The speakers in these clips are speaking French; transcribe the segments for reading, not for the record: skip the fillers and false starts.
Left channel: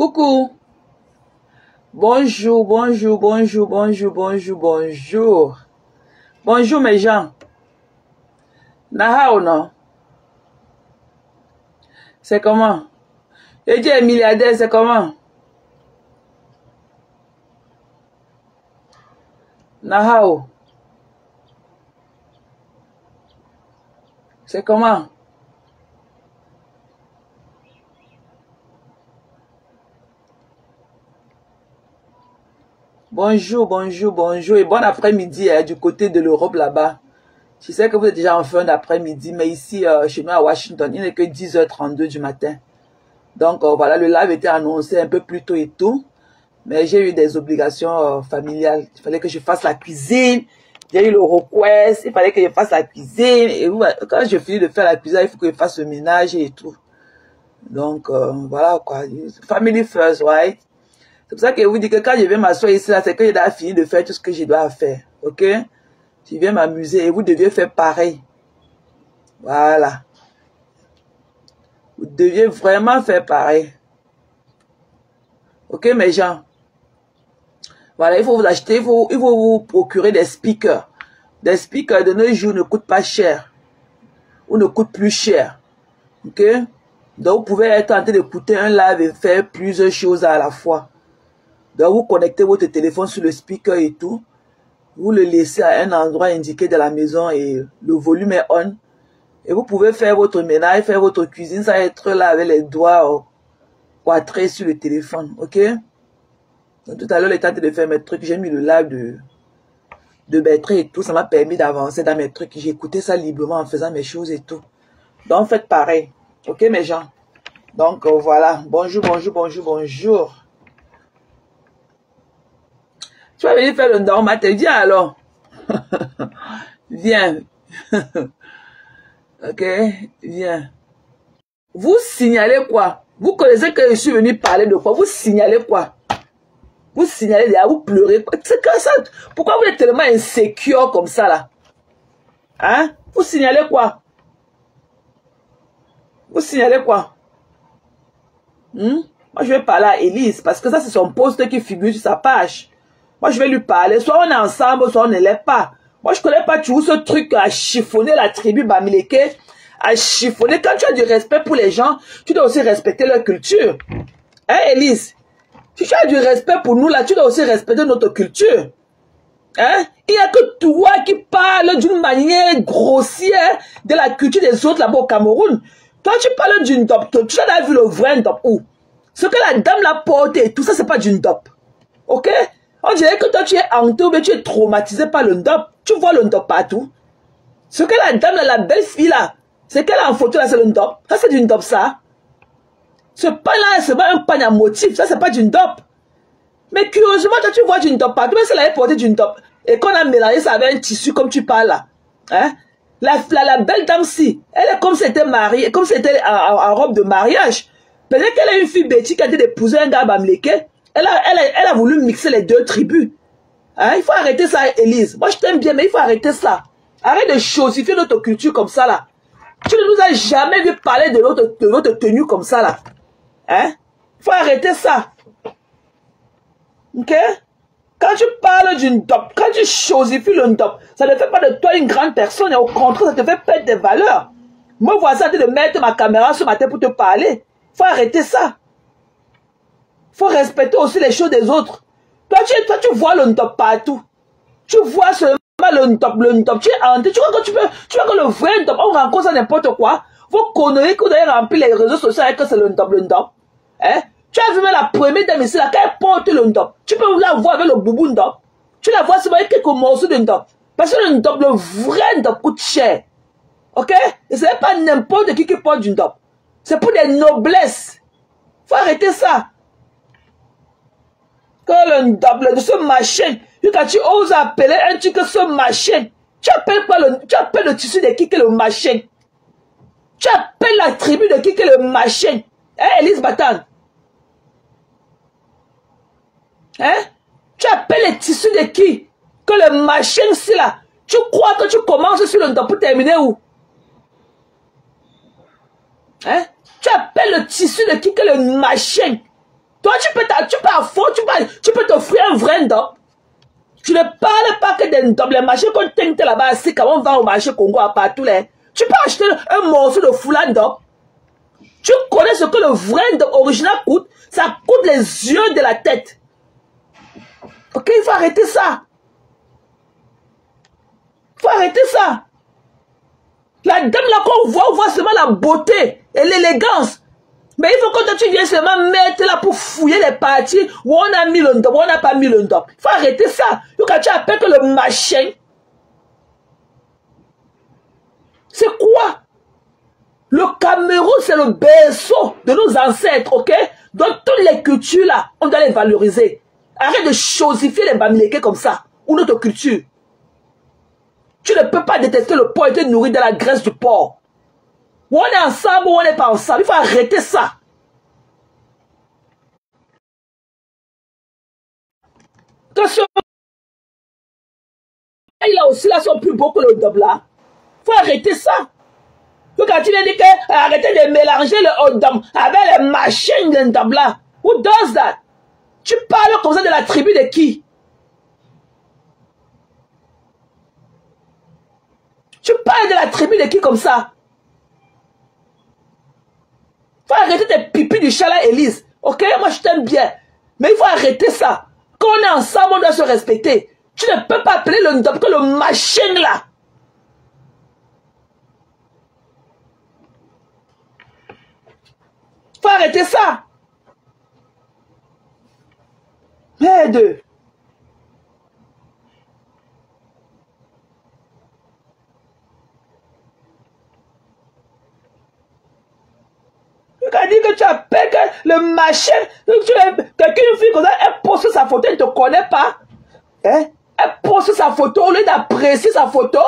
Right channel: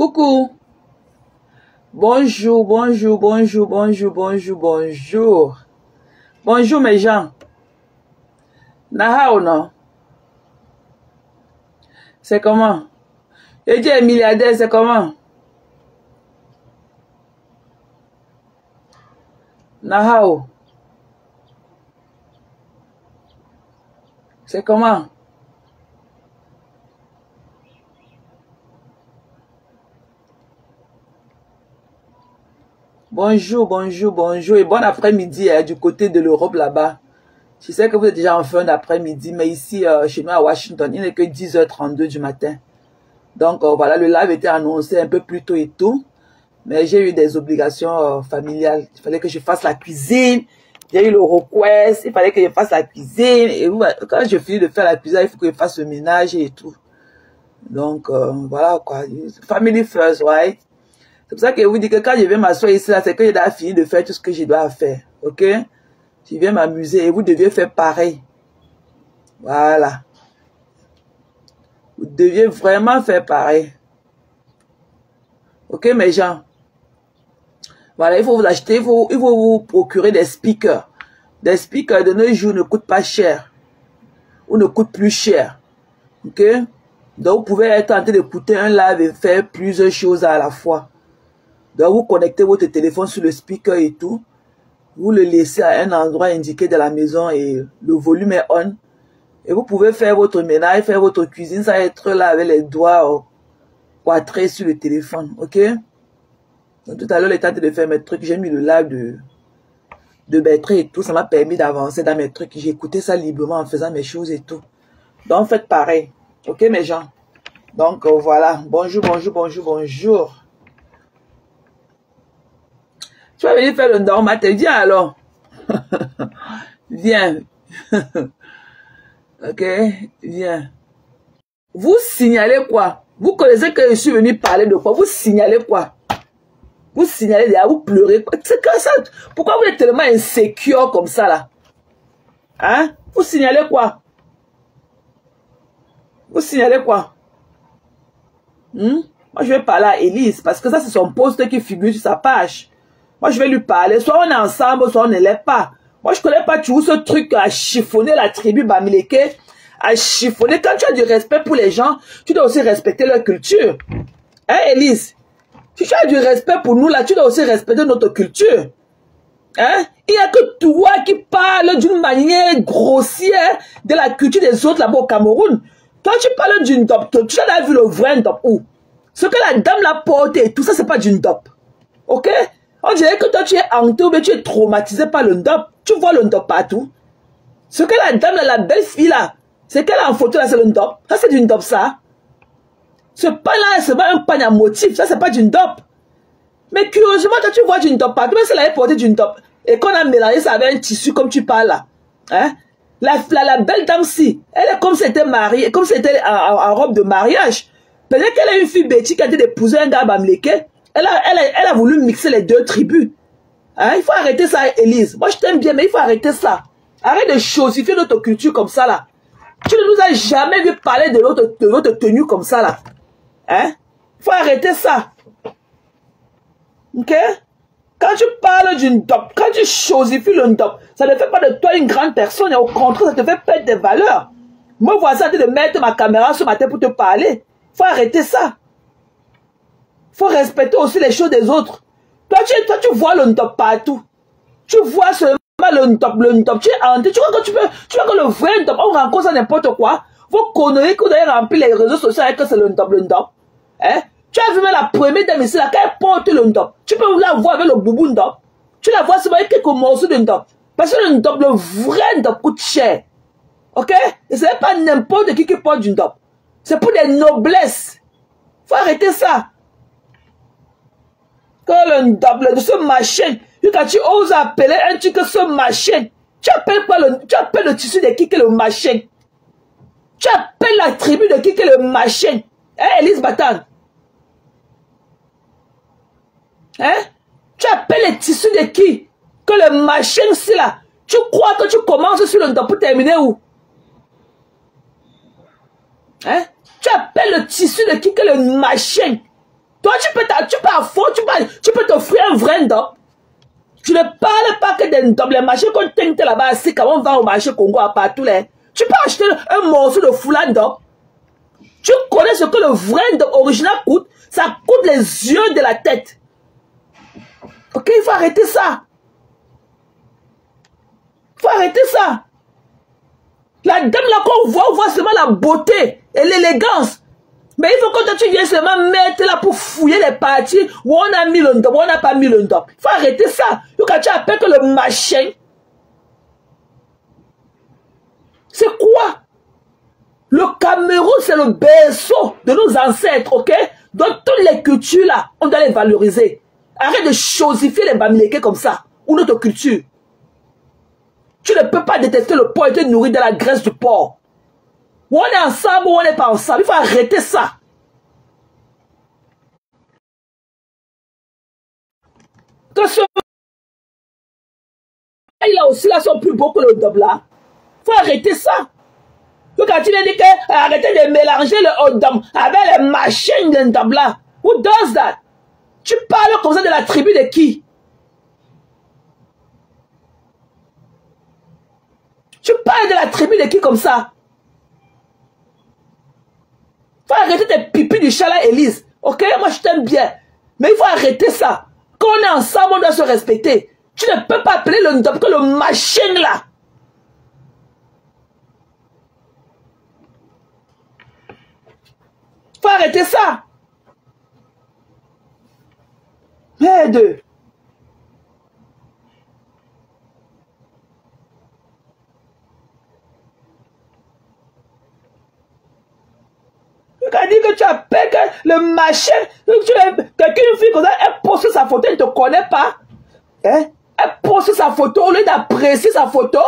Coucou. Bonjour, bonjour, bonjour, bonjour, bonjour, bonjour. Bonjour mes gens. Nahao non? C'est comment? Et Dieu est milliardaire, c'est comment? Nahao. C'est comment? Bonjour, bonjour, bonjour et bon après-midi du côté de l'Europe là-bas. Je sais que vous êtes déjà en fin d'après-midi, mais ici, chez nous à Washington, il n'est que 10h32 du matin. Donc voilà, le live était annoncé un peu plus tôt et tout, mais j'ai eu des obligations familiales. Il fallait que je fasse la cuisine, j'ai eu le request, il fallait que je fasse la cuisine. Et quand je finis de faire la cuisine, il faut que je fasse le ménage et tout. Donc voilà quoi, family first, right? C'est pour ça que je vous dis que quand je vais m'asseoir ici, c'est que je dois finir de faire tout ce que je dois faire. Ok? Je viens m'amuser et vous deviez faire pareil. Voilà. Vous deviez vraiment faire pareil. Ok, mes gens? Voilà, il faut vous acheter, il faut vous procurer des speakers. Des speakers de nos jours ne coûtent pas cher. Ou ne coûtent plus cher. Ok? Donc, vous pouvez être en train d'écouter un live et faire plusieurs choses à la fois. Donc, vous connectez votre téléphone sur le speaker et tout. Vous le laissez à un endroit indiqué de la maison et le volume est on. Et vous pouvez faire votre ménage, faire votre cuisine, ça va être là avec les doigts quadrés sur le téléphone. Ok? Donc, tout à l'heure, le temps de faire mes trucs, j'ai mis le live de Bertrand et tout. Ça m'a permis d'avancer dans mes trucs. J'ai écouté ça librement en faisant mes choses et tout. Donc, faites pareil. Ok, mes gens? Donc, voilà. Bonjour, bonjour, bonjour, bonjour. Tu vas venir faire le normal, viens alors. Viens. Ok, viens. Vous signalez quoi? Vous connaissez que je suis venu parler de quoi? Vous signalez quoi? Vous signalez derrière, vous pleurez. C'est comme ça. Pourquoi vous êtes tellement insécure comme ça là? Hein? Vous signalez quoi? Vous signalez quoi? Moi je vais parler à Elise parce que ça c'est son post qui figure sur sa page. Moi, je vais lui parler. Soit on est ensemble, soit on ne l'est pas. Moi, je ne connais pas toujours ce truc à chiffonner la tribu Bamileke, à chiffonner. Quand tu as du respect pour les gens, tu dois aussi respecter leur culture. Hein, Elise? Si tu as du respect pour nous, là, tu dois aussi respecter notre culture. Hein? Il n'y a que toi qui parles d'une manière grossière de la culture des autres là-bas au Cameroun. Toi, tu parles d'une dope. Tu as vu le vrai dope où? Ce que la dame l'a porté, tout ça, c'est pas d'une dope. Ok? On dirait que toi, tu es hanté ou bien tu es traumatisé par le ndop. Tu vois le ndop partout. Ce que la dame, la belle fille là, c'est qu'elle a en photo là, c'est le ndop. Ça, c'est du ndop, ça. Ce pain là, c'est pas un pain à motif. Ça, c'est pas du ndop. Mais curieusement, quand tu vois du ndop partout, même si elle avait porté du ndop, et qu'on a mélangé ça avec un tissu comme tu parles là, hein, la belle dame-ci, elle est comme si elle était mariée, comme si elle était en robe de mariage. Peut-être qu'elle est une fille bêtise qui a été d'épouser un gars bamileke. Elle a voulu mixer les deux tribus. Hein? Il faut arrêter ça, Elise. Moi, je t'aime bien, mais il faut arrêter ça. Arrête de chosifier notre culture comme ça, là. Tu ne nous as jamais vu parler de notre tenue comme ça, là. Hein? Il faut arrêter ça. Ok? Quand tu parles d'une dope, quand tu chosifies le dope, ça ne fait pas de toi une grande personne. Et au contraire, ça te fait perdre des valeurs. Moi, voici de mettre ma caméra sur ma tête pour te parler. Il faut arrêter ça. Il faut respecter aussi les choses des autres. Toi, tu vois le top partout. Tu vois seulement le top. Tu es hanté. Tu vois que le vrai top, on rencontre ça n'importe quoi. Vos conneries que vous avez rempli les réseaux sociaux avec que c'est le top. Hein? Tu as vu même la première dame ici, là, quand elle porte le top. Tu peux la voir avec le boubou top. Tu la vois seulement avec quelques morceaux de top. Parce que le top, le vrai top coûte cher. Ok? Et ce n'est pas n'importe qui porte du top. C'est pour des noblesses. Il faut arrêter ça. Que ce machin, quand tu oses appeler un truc que ce machin, tu appelles le tissu de qui que le machin. Tu appelles la tribu de qui que le machin. Hein, Elise Batan? Hein? Tu appelles le tissu de qui? Que le machin, c'est là. Tu crois que tu commences sur le top pour terminer où? Hein? Tu appelles le tissu de qui que le machin. Toi, tu peux t'offrir un vrai ndop. Tu ne parles pas que des ndop. Les marchés qu'on tente là-bas, c'est quand on va au marché Congo à partout là. Tu peux acheter un morceau de foulard ndop. Tu connais ce que le vrai ndop original coûte. Ça coûte les yeux de la tête. Ok, il faut arrêter ça. Il faut arrêter ça. La dame là qu'on voit, on voit seulement la beauté et l'élégance. Mais il faut que tu viennes seulement mettre là pour fouiller les parties où on a mis le ndop, où on n'a pas mis le ndop. Il faut arrêter ça. Donc quand tu appelles que le machin, c'est quoi? Le Cameroun, c'est le berceau de nos ancêtres, ok? Donc toutes les cultures là, on doit les valoriser. Arrête de chosifier les bamileke comme ça, ou notre culture. Tu ne peux pas détester le porc et te nourrir de la graisse du porc. Ou on est ensemble ou on n'est pas ensemble. Il faut arrêter ça. Attention. Il a aussi là son plus beau que le ndop là. Il faut arrêter ça. Donc quand tu dis que arrêtez de mélanger le hot dog avec les machines de ndop là. Who does that? Tu parles comme ça de la tribu de qui? Tu parles de la tribu de qui comme ça? Il faut arrêter tes pipis du chat là, Élise. Ok, moi je t'aime bien. Mais il faut arrêter ça. Quand on est ensemble, on doit se respecter. Tu ne peux pas appeler le ndop que le machin là. Il faut arrêter ça. Les deux. Quand dit que tu appelles le machin, quelqu'un fille comme ça, elle poste sa photo, elle ne te connaît pas. Hein? Elle poste sa photo au lieu d'apprécier sa photo.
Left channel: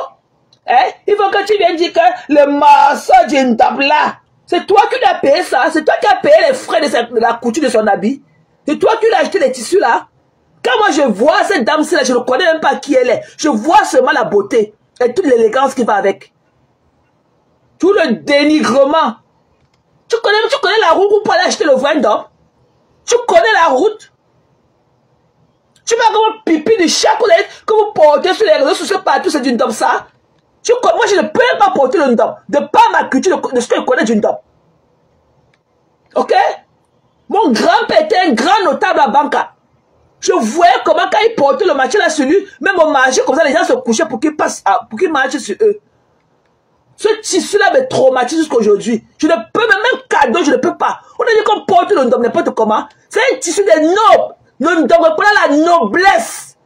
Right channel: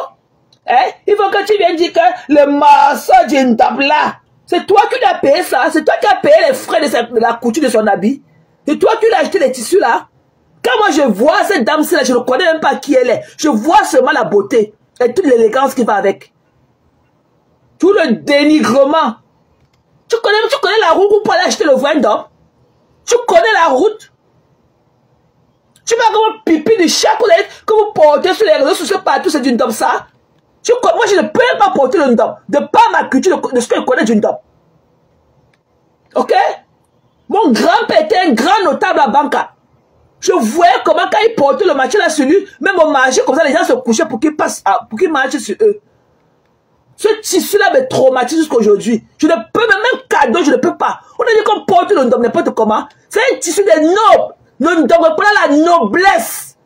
Hein? Il faut que tu viennes dire que le morceau d'une table là, c'est toi qui l'as payé ça, c'est toi qui as payé les frais de la couture de son habit. C'est toi qui l'as acheté les tissus là. Quand moi je vois cette dame-là, je ne connais même pas qui elle est. Je vois seulement la beauté et toute l'élégance qui va avec. Tout le dénigrement. Tu connais la route pour aller acheter le vrai ndop? Tu connais la route? Tu vas comme pipi de chat que vous portez sur les réseaux sociaux partout, c'est du ndop ça? Moi je ne peux pas porter le ndop. De par ma culture, de ce que je connais du ndop. Ok? Mon grand-père était un grand notable à Banca. Je voyais comment quand il portait le match là sur lui, même au marché comme ça, les gens se couchaient pour qu'il passe, pour qu'il marche sur eux. Ce tissu-là me traumatise jusqu'aujourd'hui. Je ne peux même cadeau, je ne peux pas. On a dit qu'on porte le ndop n'importe comment. C'est un tissu des nobles. Le ndop représente la noblesse.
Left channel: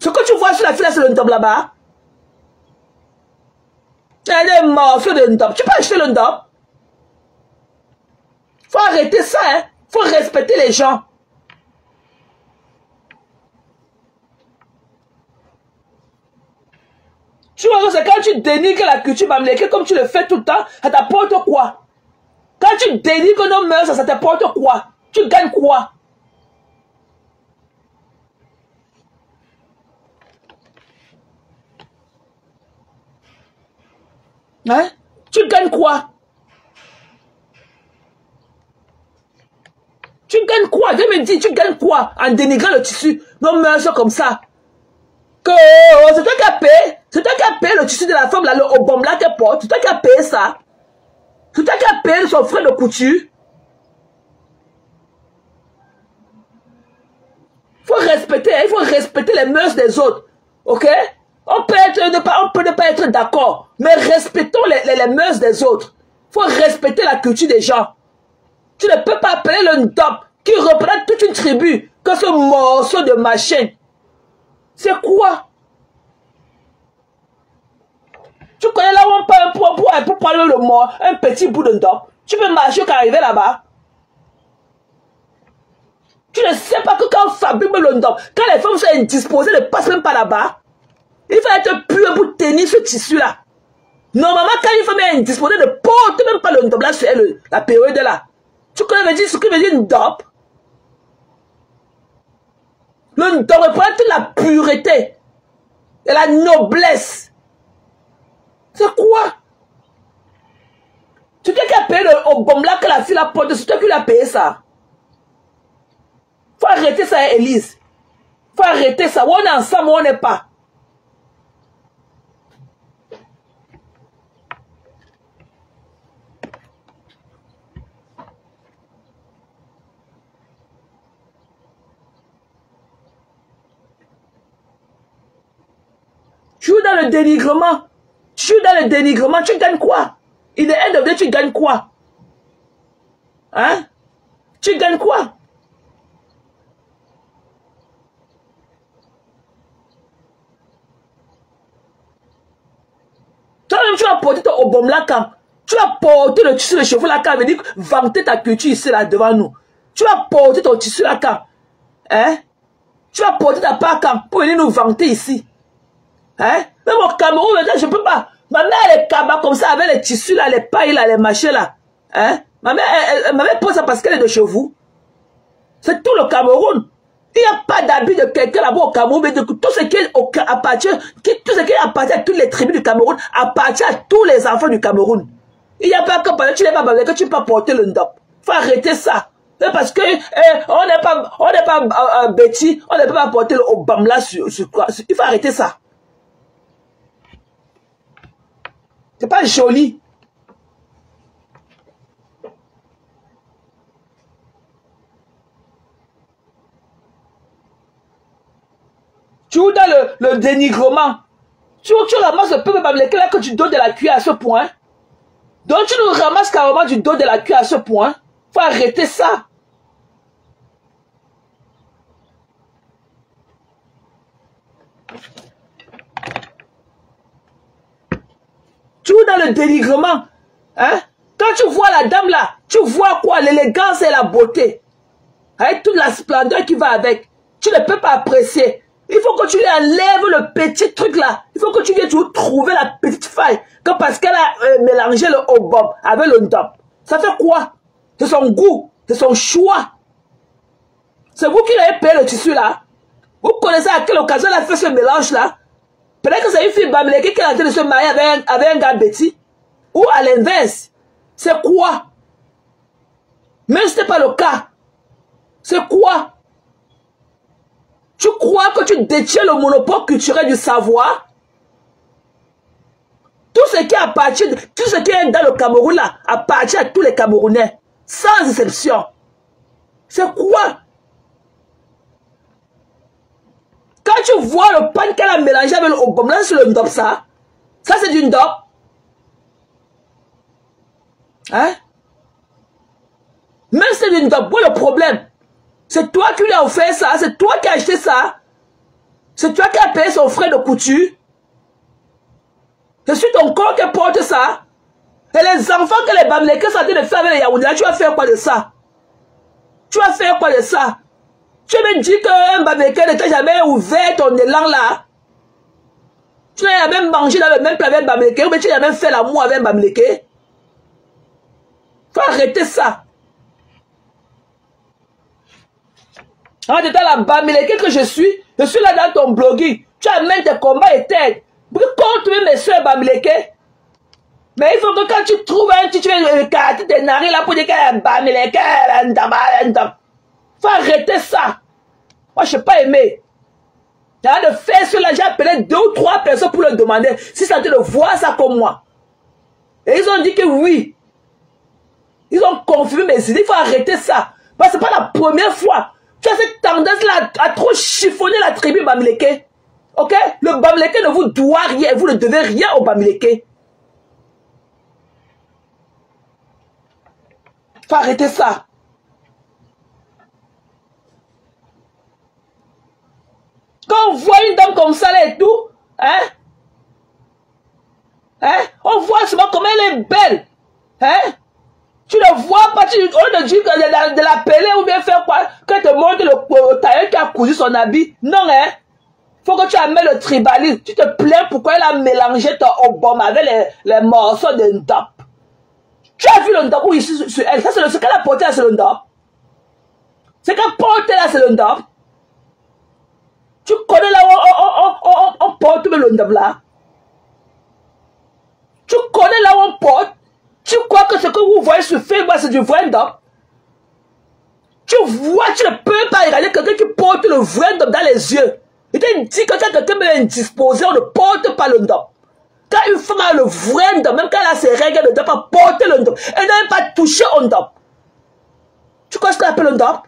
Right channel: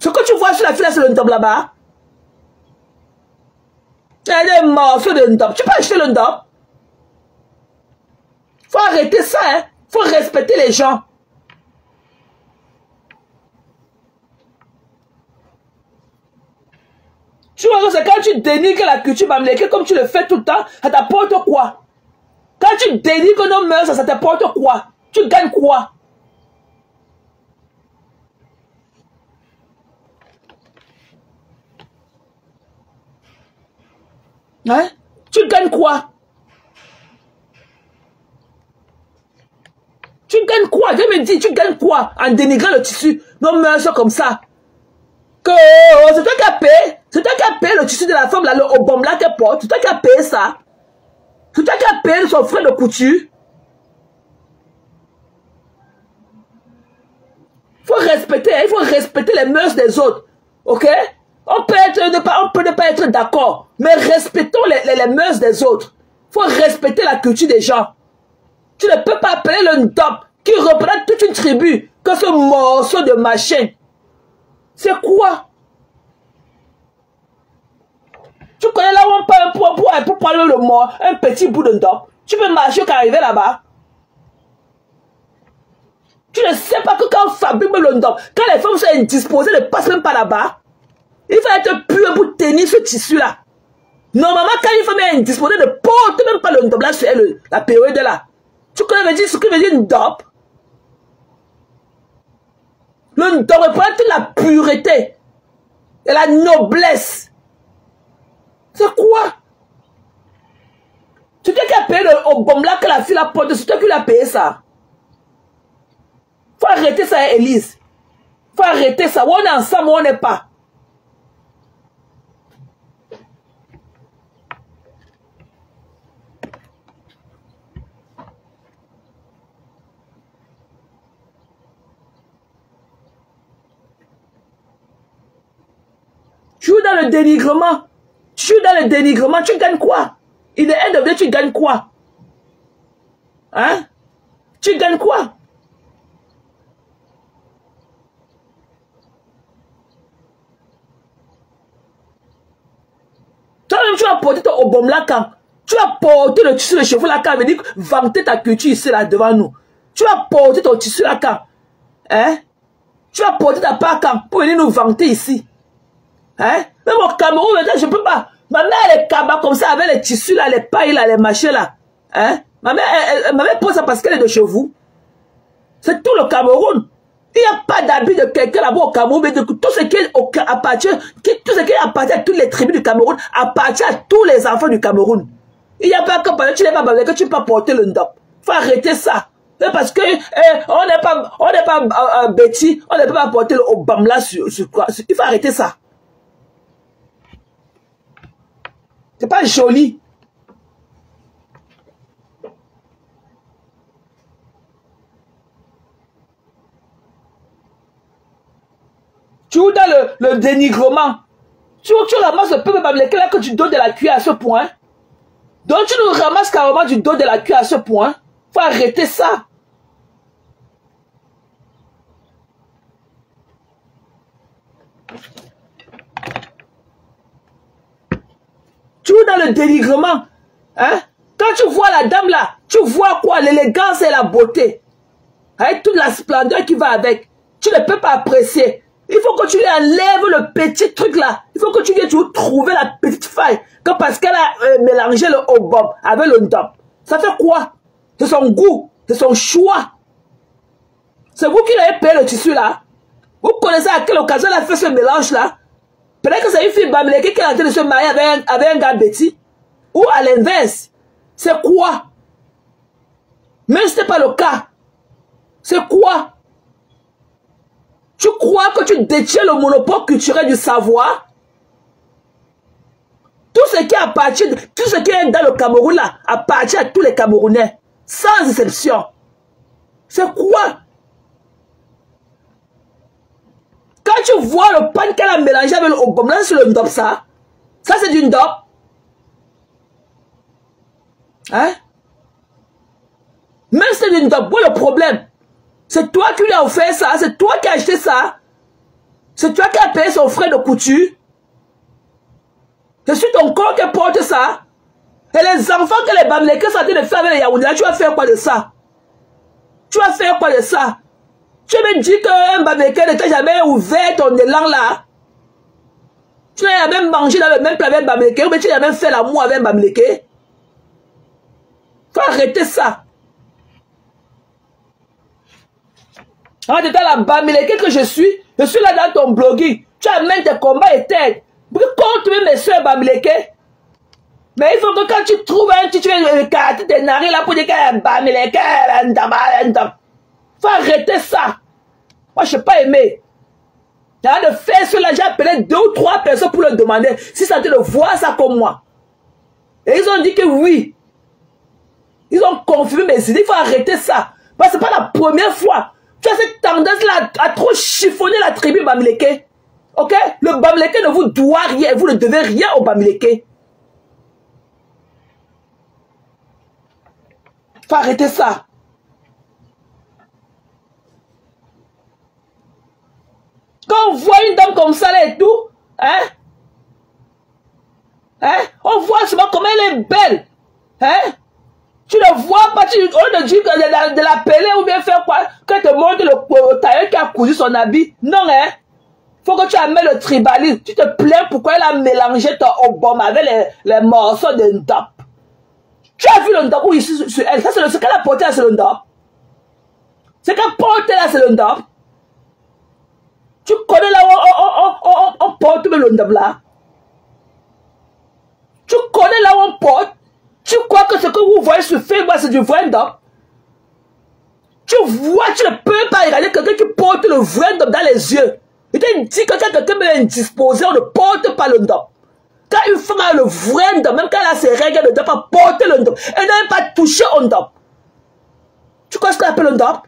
Ce que tu vois sur la fille, c'est le ndop là-bas. Il y a des morceaux de ndop. Tu peux acheter le ndop. Il faut arrêter ça, hein. Il faut respecter les gens. Tu vois, c'est quand tu dénigres la culture bamileke comme tu le fais tout le temps, ça t'apporte quoi? Quand tu dénigres nos mœurs, ça t'apporte quoi? Tu gagnes quoi? Hein? Tu gagnes quoi? Tu gagnes quoi? Je me dis, tu gagnes quoi en dénigrant le tissu? Nos mœurs comme ça. Que c'est toi qui as payé. C'est toi qui as payé le tissu de la femme là, le obom là qu'elle porte. C'est toi qui as payé ça. C'est toi qui as payé son frais de couture. Il faut respecter les mœurs des autres. Ok? On peut ne pas être d'accord. Mais respectons les mœurs des autres. Il faut respecter la culture des gens. Tu ne peux pas appeler le ndop qui représente toute une tribu que ce morceau de machin. C'est quoi? Tu connais là où on peut pour prendre le mot, un petit bout de ndop. Tu peux marcher quand arriver là-bas. Tu ne sais pas que quand on fabrique le ndop, quand les femmes sont indisposées, elles ne passent même pas là-bas. Il faut être pur pour tenir ce tissu-là. Normalement, quand une femme est indisposée, elle ne porte même pas le ndop. Là, c'est la période là. Tu connais ce que veut dire ndop? Le ndop représente la pureté et la noblesse. C'est quoi? Tu t'es qu'à payer au bon là que la fille la porte, c'est toi qui l'as payé ça. arrêter ça, Élise. Faut arrêter ça. On est ensemble, on n'est pas. Tu es dans le dénigrement. Tu es dans le dénigrement. Tu gagnes quoi? Il est end of day, tu gagnes quoi? Hein? Tu gagnes quoi? Toi-même, tu vas porter ton obom là quand? Tu vas porter le tissu de cheveux là quand? Veut dire vanter ta culture ici là devant nous. Tu vas porter ton tissu là quand? Hein? Tu vas porter ta part quand? Pour venir nous vanter ici. Hein? Même au Cameroun, je ne peux pas. Ma mère, elle est cabane comme ça, avec les tissus là, les pailles là, les machins là. Hein? Ma mère pose ça parce qu'elle est de chez vous. C'est tout le Cameroun. Il n'y a pas d'habit de quelqu'un là-bas au Cameroun, mais tout ce qui appartient à toutes les tribus du Cameroun, appartient à tous les enfants du Cameroun. Il n'y a pas que tu n'es pas que tu peux pas porter le ndop. Il faut arrêter ça. C'est parce que on n'est pas bêtis, on ne peut pas porter le obam là sur quoi. Il faut arrêter ça. C'est pas joli. Tu es dans le dénigrement. Tu ramasses le peuple bamileke là que tu donnes de la cuillère à ce point. Donc tu nous ramasses carrément du dos de la cuillère à ce point. Faut arrêter ça. Tu es dans le dénigrement. Hein? Quand tu vois la dame là, tu vois quoi? L'élégance et la beauté. Avec toute la splendeur qui va avec. Tu ne peux pas apprécier. Il faut que tu lui enlèves le petit truc là. Il faut que tu viennes trouver la petite faille. Comme parce qu'elle a mélangé le obom avec le ndop. Ça fait quoi? C'est son goût. C'est son choix. C'est vous qui l'avez payé le tissu là. Vous connaissez à quelle occasion elle a fait ce mélange là? Peut-être que c'est une fille bamileke qui est en train de se marier avec un gars bêtis. Ou à l'inverse. C'est quoi? Mais ce n'est pas le cas. C'est quoi? Tu crois que tu détiens le monopole culturel du savoir? Tout ce qui appartient, tout ce qui est dans le Cameroun là, appartient à tous les Camerounais. Sans exception. C'est quoi? Quand tu vois le pan qu'elle a mélangé avec le obom, là c'est le ndop ça. Ça c'est du ndop. Hein? Mais c'est du ndop. Bon, le problème, c'est toi qui lui as offert ça. C'est toi qui as acheté ça. C'est toi qui as payé son frais de couture. C'est sur ton corps qui porte ça. Et les enfants que les bamileke sont en train de faire avec les Yaoundé, tu vas faire quoi de ça? Tu vas faire quoi de ça? Tu me dis qu'un bamileke ne t'a jamais ouvert ton élan là. Tu n'as jamais mangé dans le même plat avec un bamileke, ou bien tu n'as même fait l'amour avec un bamileke. Faut arrêter ça. En étant la bamileke que je suis là dans ton blogging. Tu amènes tes combats éternes. Contre mes soeurs bamileke. Mais il faut que quand tu trouves un titre, tu cartes tes narines là pour dire qu'elle est bamileke, faut arrêter ça. Moi, je n'ai pas aimé. J'ai de faire cela, j'ai appelé 2 ou 3 personnes pour leur demander si ça te de voir ça comme moi. Et ils ont dit que oui. Ils ont confirmé mes idées, il faut arrêter ça. Parce que ce n'est pas la première fois. Tu as cette tendance-là à trop chiffonner la tribu bamileke. Ok? Le bamileke ne vous doit rien, vous ne devez rien au bamileke. Faut arrêter ça. Quand on voit une dame comme ça là et tout, hein? Hein? On voit souvent comment elle est belle. Hein? Tu ne vois pas, on ne dit que de la peler ou bien faire quoi? Qu'elle te montre le tailleur qui a cousu son habit. Non, hein? Faut que tu amènes le tribalisme. Tu te plains pourquoi elle a mélangé ton obom avec les morceaux de ndop. Tu as vu le ndop ici sur elle? Ça, c'est ce qu'elle a porté là, c'est le ndop. Ce qu'elle porte là, c'est le ndop. Tu connais là où on porte le ndop là? Tu connais là où on porte? Tu crois que ce que vous voyez sur Facebook, c'est du vrai ndop? Tu Tu vois, tu ne peux pas regarder quelqu'un qui porte le vrai ndop dans les yeux. Il te dit que quand quelqu'un est indisposé, on ne porte pas le ndop. Quand une femme a le vrai ndop, même quand elle a ses règles, elle ne doit pas porter le ndop. Elle n'a même pas touché au ndop. Tu connais ce qu'on appelle le ndop?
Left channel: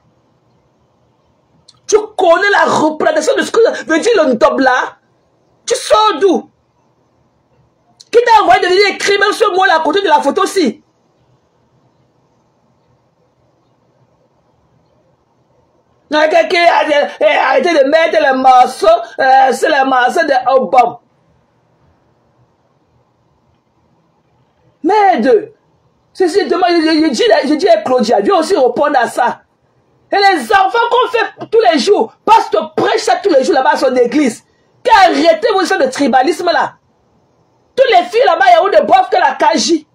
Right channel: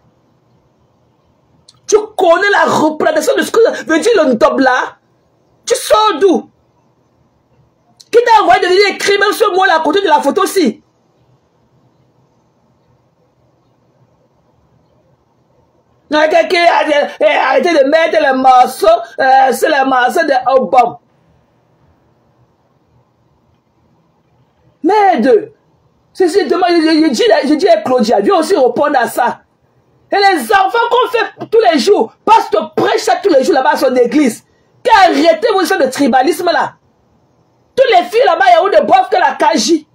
Tu connais la représentation de ce que veut dire le ndop là? Tu sors d'où? Qui t'a envoyé de venir écrire même ce mot-là à côté de la photo aussi? Arrêtez de mettre les morceaux, c'est les morceaux de album. Merde! Je dis à Claudia, viens aussi répondre à ça. Et les enfants qu'on fait tous les jours, parce que prêche ça tous les jours là-bas à son église. Arrêtez vos histoires de tribalisme là. Toutes les filles là-bas, il y a où de boivent que la Kaji.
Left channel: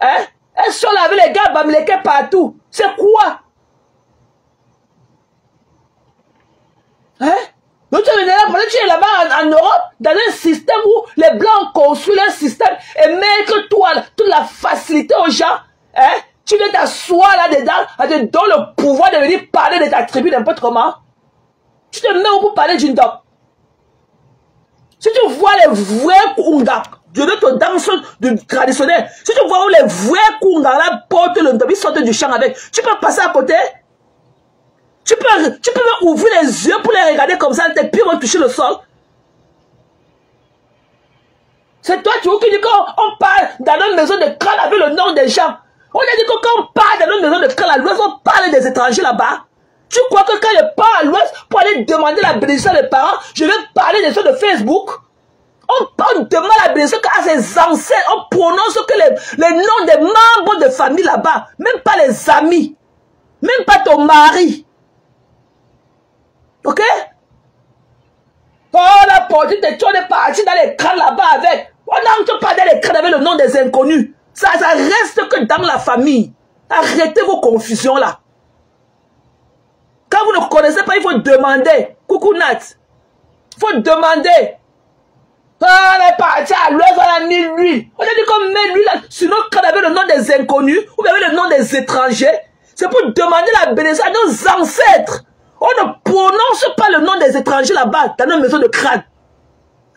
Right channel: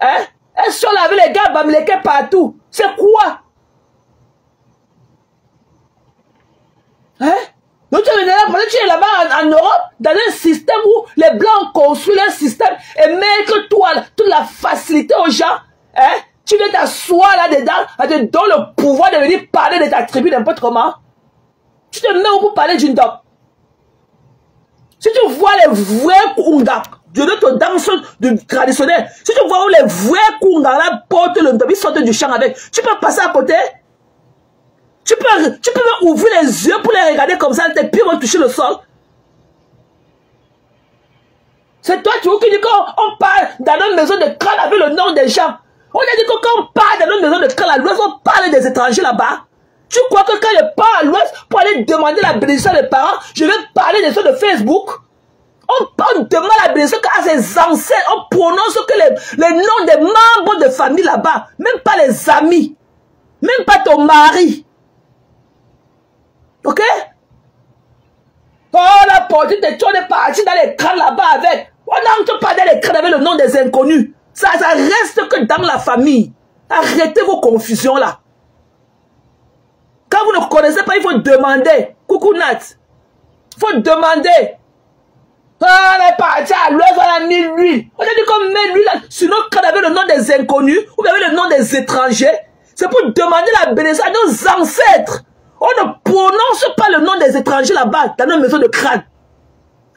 Hein? Elles sont là avec les gars bamléqués partout. C'est quoi? Hein? Donc tu es là-bas en Europe, dans un système où les Blancs construisent un système et mettent toute la facilité aux gens. Hein? Tu viens t'asseoir là-dedans, à te donner le pouvoir de venir parler de ta tribu n'importe comment. Tu te mets où pour parler d'une doc. Si tu vois les vrais Kunga, de notre danse du traditionnel, si tu vois où les vrais Kunga là portent le ndop, ils sortent du champ avec, tu peux passer à côté. Tu peux même ouvrir les yeux pour les regarder comme ça, tes pieds vont toucher le sol. C'est toi, tu vois, qui dis qu'on parle dans notre maison de crâne avec le nom des gens. On a dit que quand on parle dans notre maison de crâne à l'ouest, on parle des étrangers là-bas. Tu crois que quand je pars à l'ouest pour aller demander la bénédiction des parents, je vais parler des choses de Facebook? On demande la bénédiction à ses ancêtres, on prononce que les noms des membres de famille là-bas, même pas les amis, même pas ton mari. Ok? Oh, la portée de toi est parti dans les crânes là-bas avec. On n'entre pas dans les crânes avec le nom des inconnus. Ça reste que dans la famille. Arrêtez vos confusions là. Quand vous ne connaissez pas, il faut demander. Coucou Nat. Il faut demander. On est parti à l'ouest, on a mis lui. On a dit qu'on met lui là. Sinon, quand on avait le nom des inconnus, ou bien le nom des étrangers, c'est pour demander la bénédiction à nos ancêtres. On ne prononce pas le nom des étrangers là-bas, dans nos maisons de crâne.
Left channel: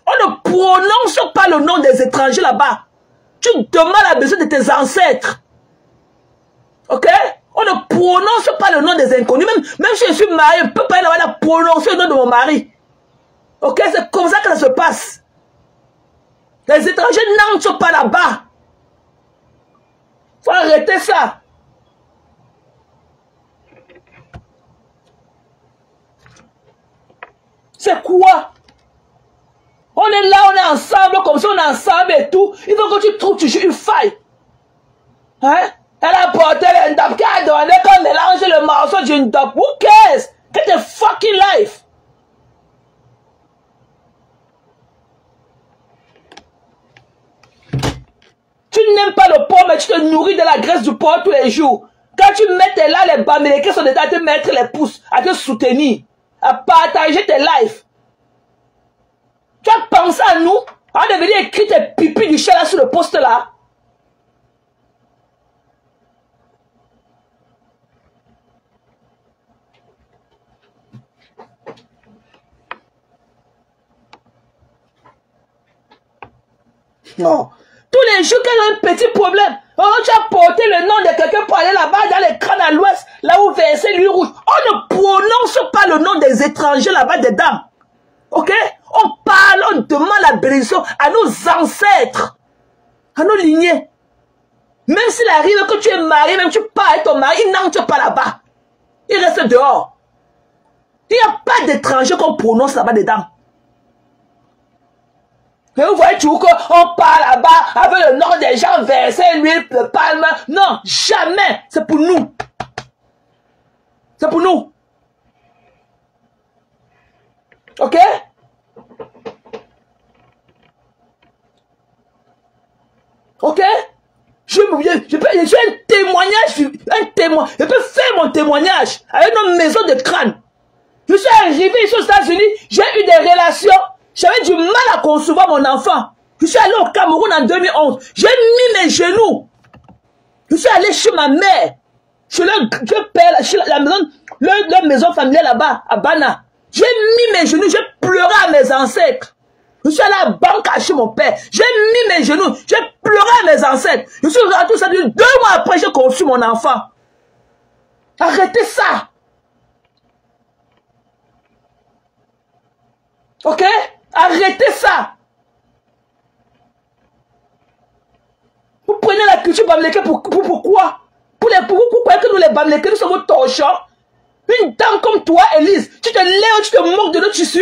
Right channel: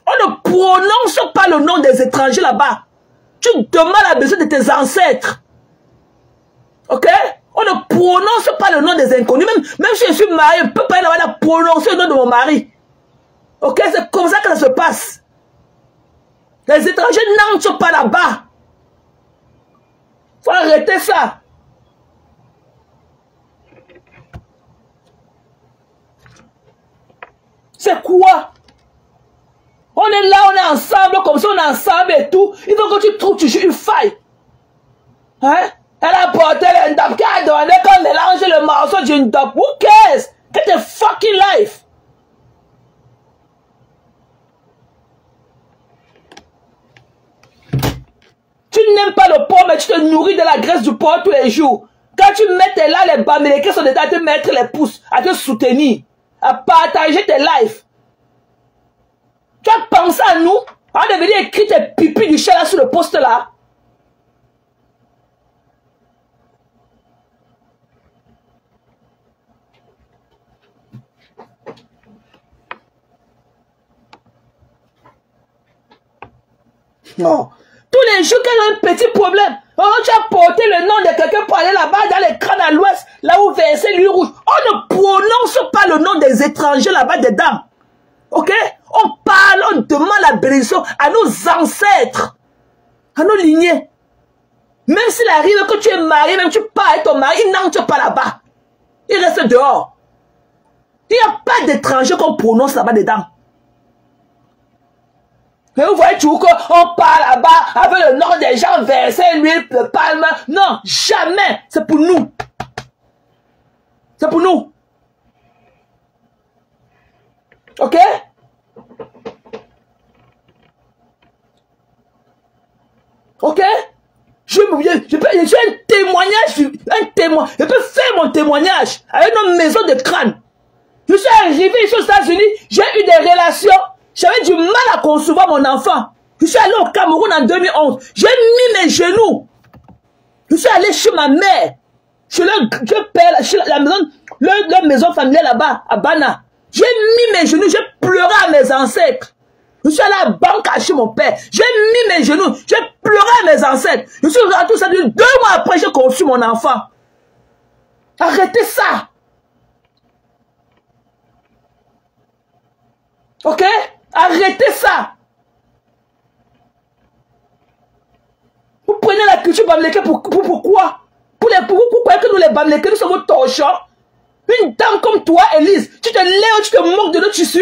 On ne prononce pas le nom des étrangers là-bas. Tu demandes la bénédiction de tes ancêtres. Ok? On ne prononce pas le nom des inconnus. Même si je suis marié, je ne peux pas aller là-bas prononcer le nom de mon mari. Ok? C'est comme ça que ça se passe. Les étrangers n'entrent pas là-bas. Il faut arrêter ça. C'est quoi? On est là, on est ensemble, comme ça on est ensemble et tout. Il faut que tu trouves toujours une faille. Hein? Elle a porté le ndop, qu'elle a donné, qu'on mélange le morceau d'une ndop. Who cares? Get a fucking life. Tu n'aimes pas le porc, mais tu te nourris de la graisse du porc tous les jours. Quand tu mets là, les bamléqués sont dedans à te mettre les pouces, à te soutenir, à partager tes lives. Tu as pensé à nous? On devait écrire tes pipis du chat là sur le poste là. Non. Tous les jours, quand il y a un petit problème, oh, tu as porté le nom de quelqu'un pour aller là-bas dans les crânes à l'ouest, là où verser l'huile rouge. On ne prononce pas le nom des étrangers là-bas dedans. Ok? On parle, on demande la bénédiction à nos ancêtres, à nos lignées. Même s'il arrive que tu es marié, même tu parles avec ton mari, il n'entre pas là-bas. Il reste dehors. Il n'y a pas d'étrangers qu'on prononce là-bas dedans. Et vous voyez toujours qu'on parle là-bas avec le nom des gens, verser l'huile, le palme. Non, jamais. C'est pour nous. C'est pour nous. Ok? Ok? Je fais un témoignage, je peux faire mon témoignage avec nos maisons de crâne. Je suis arrivé ici aux États-Unis, j'ai eu des relations, j'avais du mal à concevoir mon enfant. Je suis allé au Cameroun en 2011, j'ai mis mes genoux. Je suis allé chez ma mère. je paie la maison, leur maison familiale là-bas, à Bana. J'ai mis mes genoux, j'ai pleuré à mes ancêtres. Je suis allé à la banque acheter mon père. J'ai mis mes genoux, j'ai pleuré à mes ancêtres. Je suis rentré, ça dit 2 mois après, j'ai conçu mon enfant. Arrêtez ça. Ok? Arrêtez ça. Vous prenez la culture bamléké pourquoi? Pourquoi que nous les bamlékés, nous sommes torchants? Une dame comme toi, Élise, tu te lèves, tu te moques de nos tissus?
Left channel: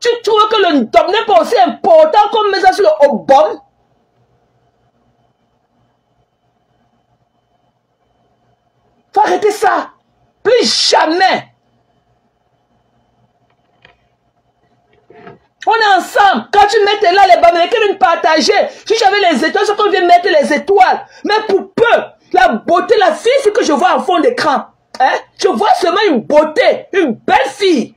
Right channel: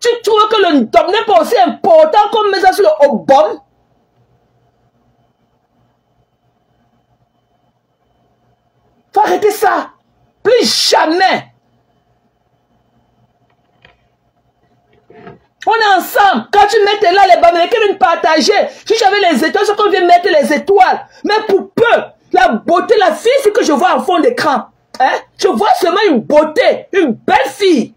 Tu trouves que le ndom n'est pas aussi important comme mettre ça sur le obom? Faut arrêter ça. Plus jamais. On est ensemble. Quand tu mettais là, les bamlékés viennent partager. Si j'avais les étoiles, c'est qu'on vient mettre les étoiles. Mais pour peu, la beauté, la fille, c'est que je vois en fond d'écran. Hein? Je vois seulement une beauté, une belle fille.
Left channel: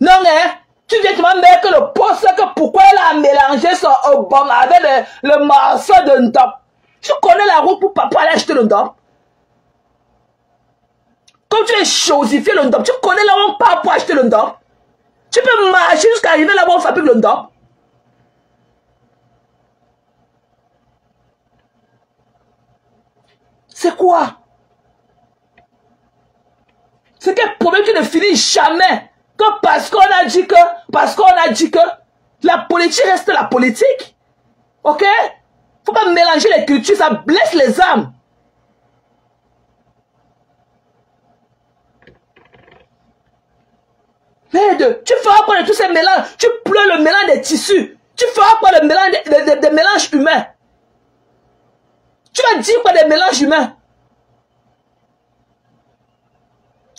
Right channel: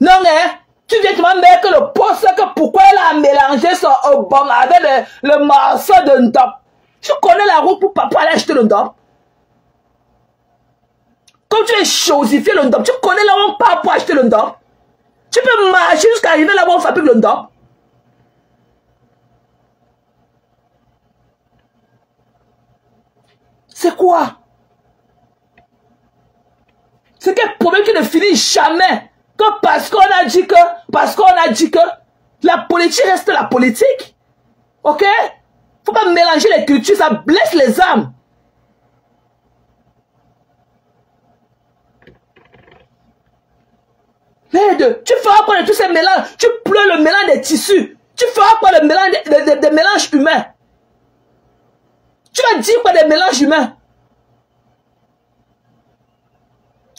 Non, hein? Tu viens te mettre que le poste, que pourquoi elle a mélangé son obom avec le morceau de ndom. Tu connais la route pour papa aller acheter le ndom. Quand tu es chosifié le ndom, tu connais la route pour acheter le ndom. Tu peux marcher jusqu'à arriver là-bas où on fabrique le ndom. C'est quoi? C'est quel problème qui ne finit jamais? Que parce qu'on a dit que la politique reste la politique. Ok? Faut pas mélanger les cultures, ça blesse les âmes. Merde, tu feras quoi de tous ces mélanges? Tu pleures le mélange des tissus. Tu feras quoi le mélange des mélanges humains? Tu as dit quoi des mélanges humains?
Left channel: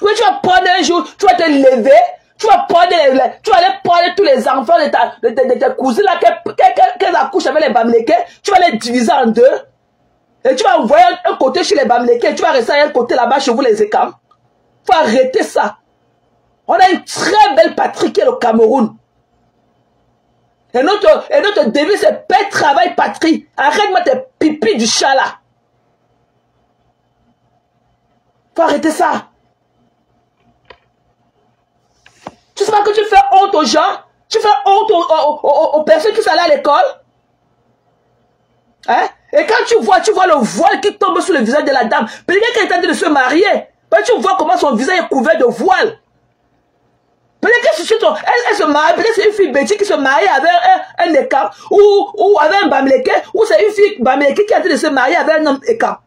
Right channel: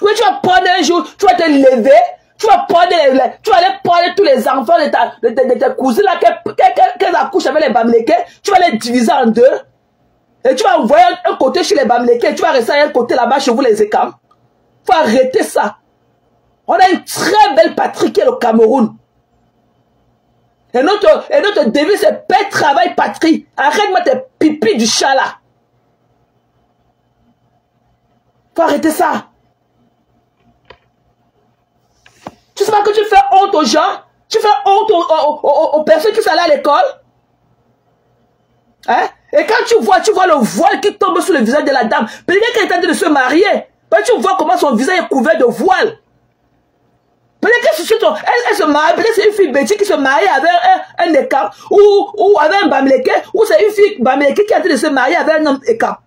Oui, tu vas prendre un jour, tu vas te lever, tu vas aller prendre tous les enfants de ta cousine là, qu'elle accouche avec les bamlékés, tu vas les diviser en deux. Et tu vas envoyer un côté chez les bamlékés, tu vas rester un côté là-bas chez vous les écams. Faut arrêter ça. On a une très belle patrie qui est le Cameroun. Et notre devise c'est paix, travail, patrie. Arrête-moi tes pipis du chat là. Faut arrêter ça. Tu sais pas que tu fais honte aux gens? Tu fais honte aux personnes qui sont allées à l'école? Hein? Et quand tu vois le voile qui tombe sur le visage de la dame, peut-être qu'elle est en train de se marier, tu vois comment son visage est couvert de voile. Peut-être que elle se marie, peut-être c'est une fille bêtise qui se marie avec un écart, ou avec un bamléké, ou c'est une fille bamléké qui est en train de se marier avec un homme écart.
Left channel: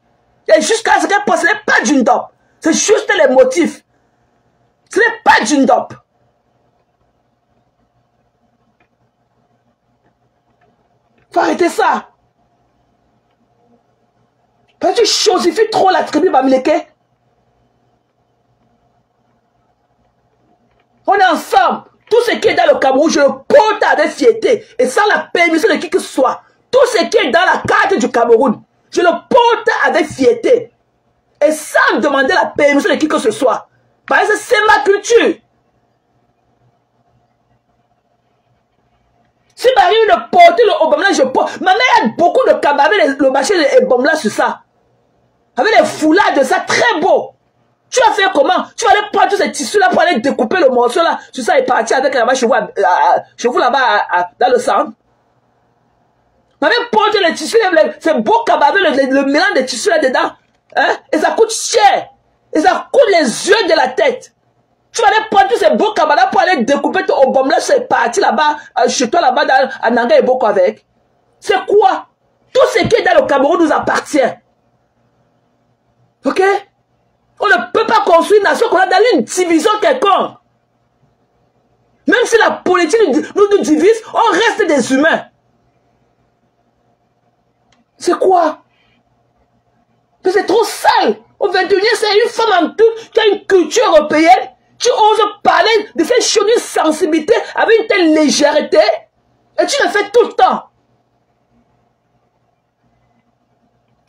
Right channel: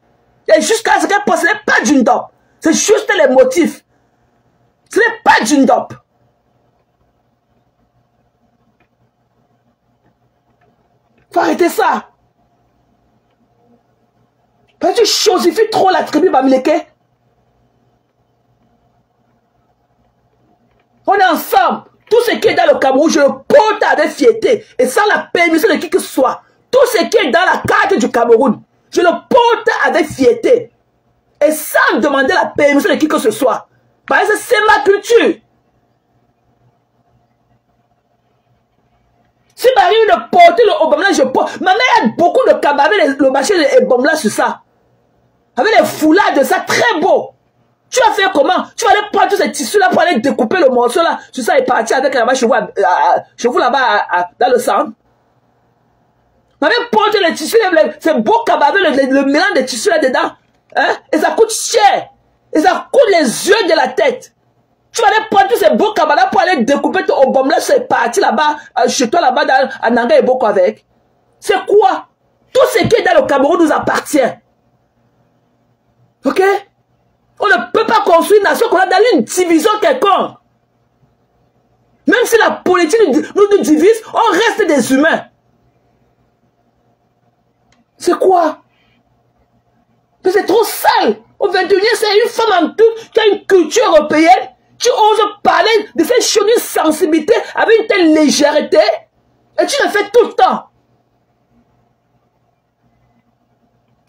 Et jusqu'à ce qu'elle pense, ce n'est pas d'une dope. C'est juste les motifs. Ce n'est pas d'une dope. Faut arrêter ça. Parce que tu chosifies trop la tribu bamléké. On est ensemble. Tout ce qui est dans le Cameroun, je le porte avec fierté. Et sans la permission de qui que ce soit. Tout ce qui est dans la carte du Cameroun, je le porte avec fierté. Et sans demander la permission de qui que ce soit. Parce que c'est ma culture. Si m'arrive de porter le obamla, je porte. Ma mère a beaucoup de camarades, le marché et obamla sur ça. Avec les foulards de ça, très beau. Tu vas faire comment? Tu vas aller prendre tous ces tissus-là pour aller découper le morceau là. Tout ça est parti avec là-bas chez vous là-bas dans le centre. Ma mère porte les tissus, c'est beau cabaret, le mélange des tissus là-dedans. Hein? Et ça coûte cher. Et ça coûte les yeux de la tête. Tu vas aller prendre tous ces beaux camarades pour aller découper ton obom là, c'est parti là-bas, chez toi là-bas, à Nanga et Boko avec. C'est quoi? Tout ce qui est dans le Cameroun nous appartient. Ok? On ne peut pas construire une nation qu'on a dans une division quelconque. Même si la politique nous divise, on reste des humains. C'est quoi? Mais c'est trop sale. Au 21e, c'est une femme en tout qui a une culture européenne. Tu oses parler de cette chose, d'une sensibilité avec une telle légèreté. Et tu le fais tout le temps.